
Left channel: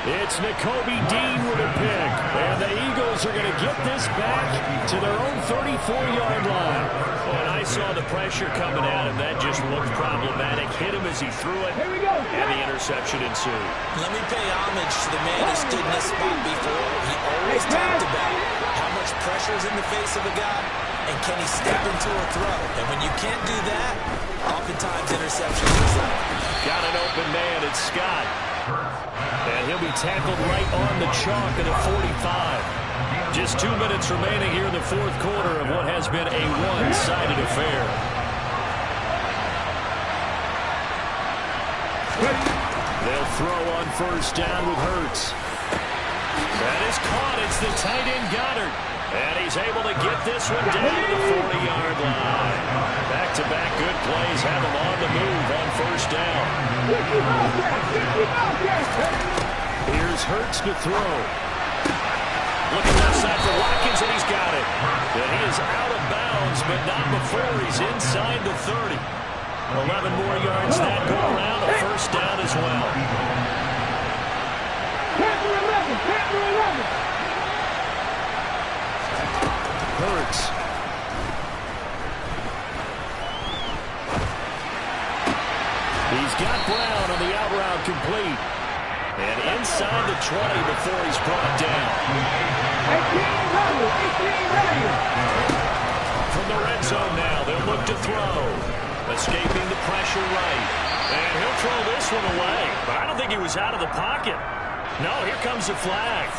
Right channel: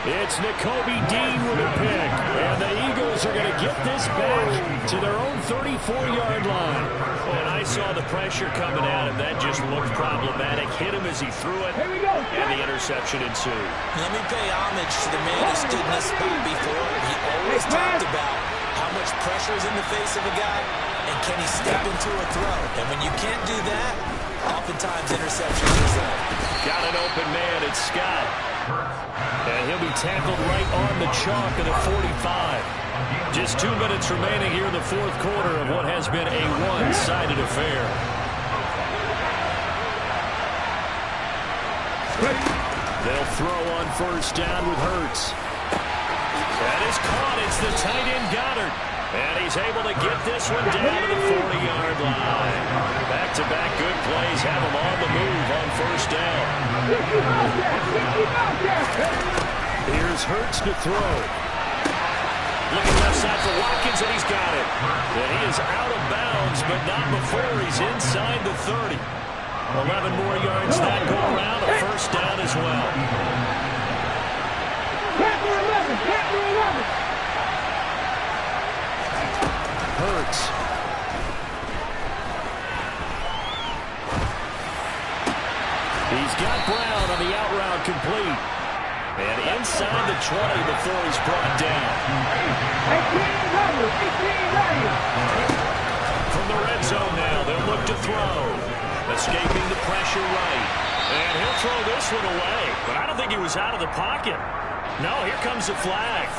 It's Nakobe Dean with a pick. And the Eagles are going to get this back to their own 34-yard line. When I saw the pressure coming at him, that just looked problematic. Hit him as he threw it, and the interception ensued. Let me pay homage to the man who stood in this spot before. He always talked about how much pressure is in the face of a guy, and can he step into a throw. And when you can't do that, oftentimes interceptions result. Got an open man, it's Scott. And he'll be tackled right on the chalk at the 45. Just 2 minutes remaining here in the 4th quarter of what has been a one-sided affair. They'll throw on 1st down with Hurts. That is caught. It's the tight end Goddard. And he's able to get this one down to the 40-yard line. Back-to-back good plays have him on the move on 1st down. Here's Hurts to throw. Looking left side for Watkins, and he's got it. And he is out of bounds, but not before he's inside the 30. 11 more yards that go around, a 1st down as well. Captain 11. Hurts. He's got Brown on the out route complete. And inside the 20 before he's brought down. 18 From the red zone now, they'll look to throw. Escaping the pressure right. And he'll throw this one away. But I don't think he was out of the pocket. No, here comes the flag.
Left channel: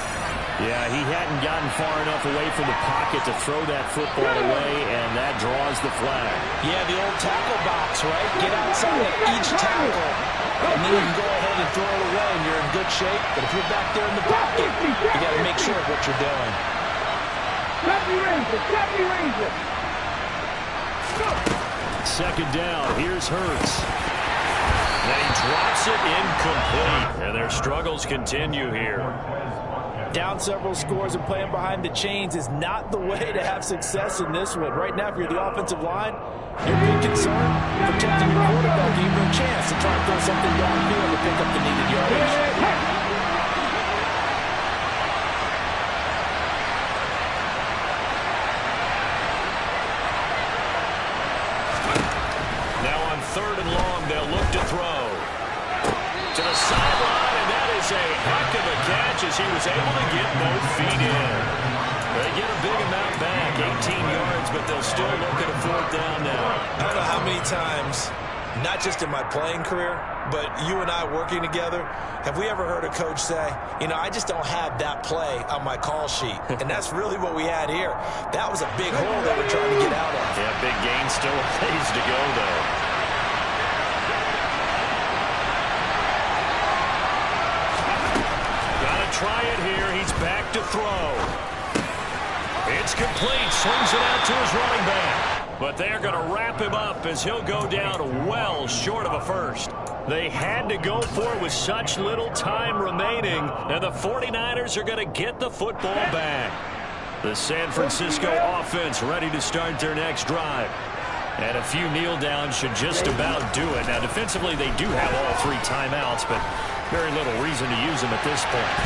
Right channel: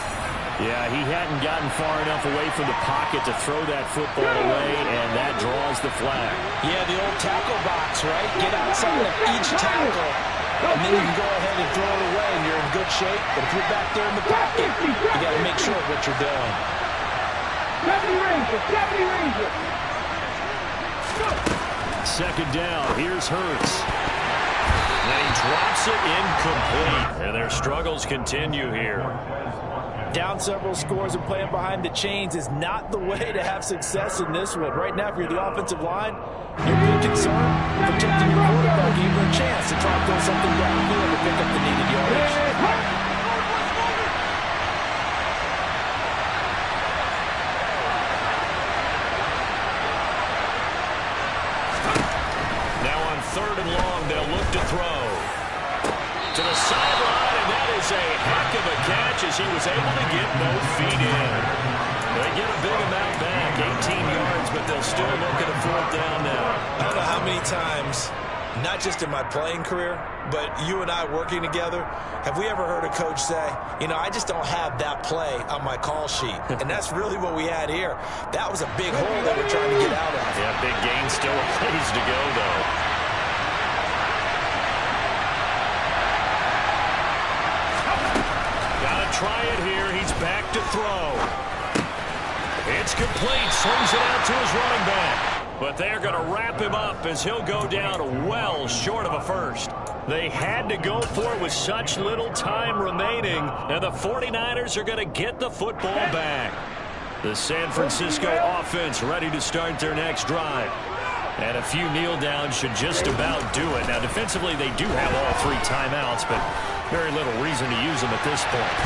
Yeah, he hadn't gotten far enough away from the pocket to throw that football away, and that draws the flag. Yeah, the old tackle box, right? Get outside of each tackle, and then you can go ahead and throw it away, and you're in good shape. But if you're back there in the pocket, you got to make sure of what you're doing. 70 Ranger. 2nd down, here's Hurts. And he drops it incomplete. And their struggles continue here. Down several scores and playing behind the chains is not the way to have success in this one. Right now, if you're the offensive line, You're being concerned, protecting your quarterback, gave him a chance to try and throw something downfield to pick up the needed yardage. Now on 3rd and long, they'll look to throw. To the sideline, and that is a heck of a catch as he was able to get both feet in. They get a big amount back, 18 yards, but they'll still look at a 4th down now. I don't know how many times, not just in my playing career, but you and I working together, have we ever heard a coach say, you know, I just don't have that play on my call sheet. And that's really what we had here. That was a big hole they were trying to get out of. Yeah, big gain, still a ways to go, though. Gotta try it here. He's back to throw. It's complete. Swings it out to his running back. But they're going to wrap him up as he'll go down well short of a first. They had to go for it with such little time remaining, and the 49ers are going to get the football back. The San Francisco offense ready to start their next drive. And a few kneel downs should just about do it. Now, defensively, they do have all 3 timeouts, but very little reason to use them at this point.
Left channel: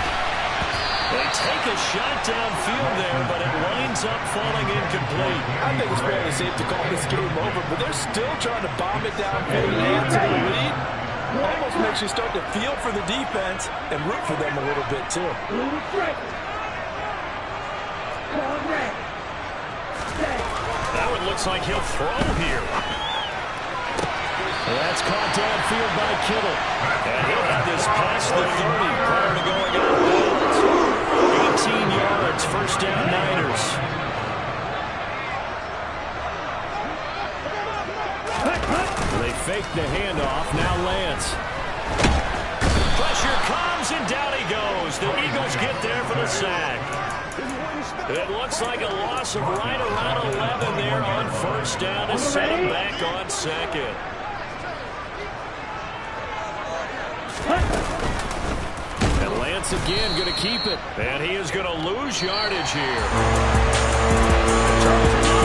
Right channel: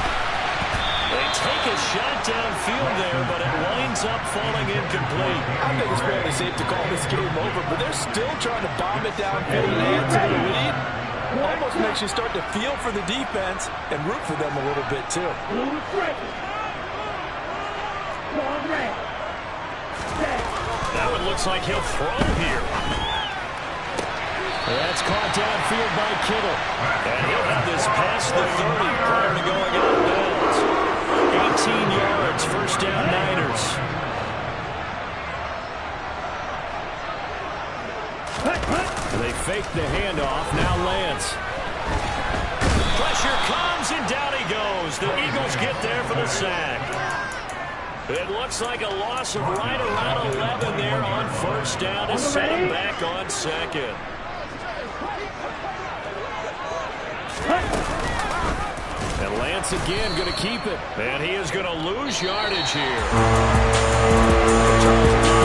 They take a shot downfield there, but it winds up falling incomplete. I think it's fairly safe to call this game over, but they're still trying to bomb it downfield and add to the lead. Almost makes you start to feel for the defense and root for them a little bit, too. That one looks like he'll throw here. That's caught downfield by Kittle. And he'll have this past the 30 prior to going out of bounds. 18 yards, 1st down Niners. They fake the handoff. Now Lance. Pressure comes, and down he goes. The Eagles get there for the sack. It looks like a loss of right around 11 there on 1st down to set him back on 2nd. And Lance again going to keep it. And he is going to lose yardage here.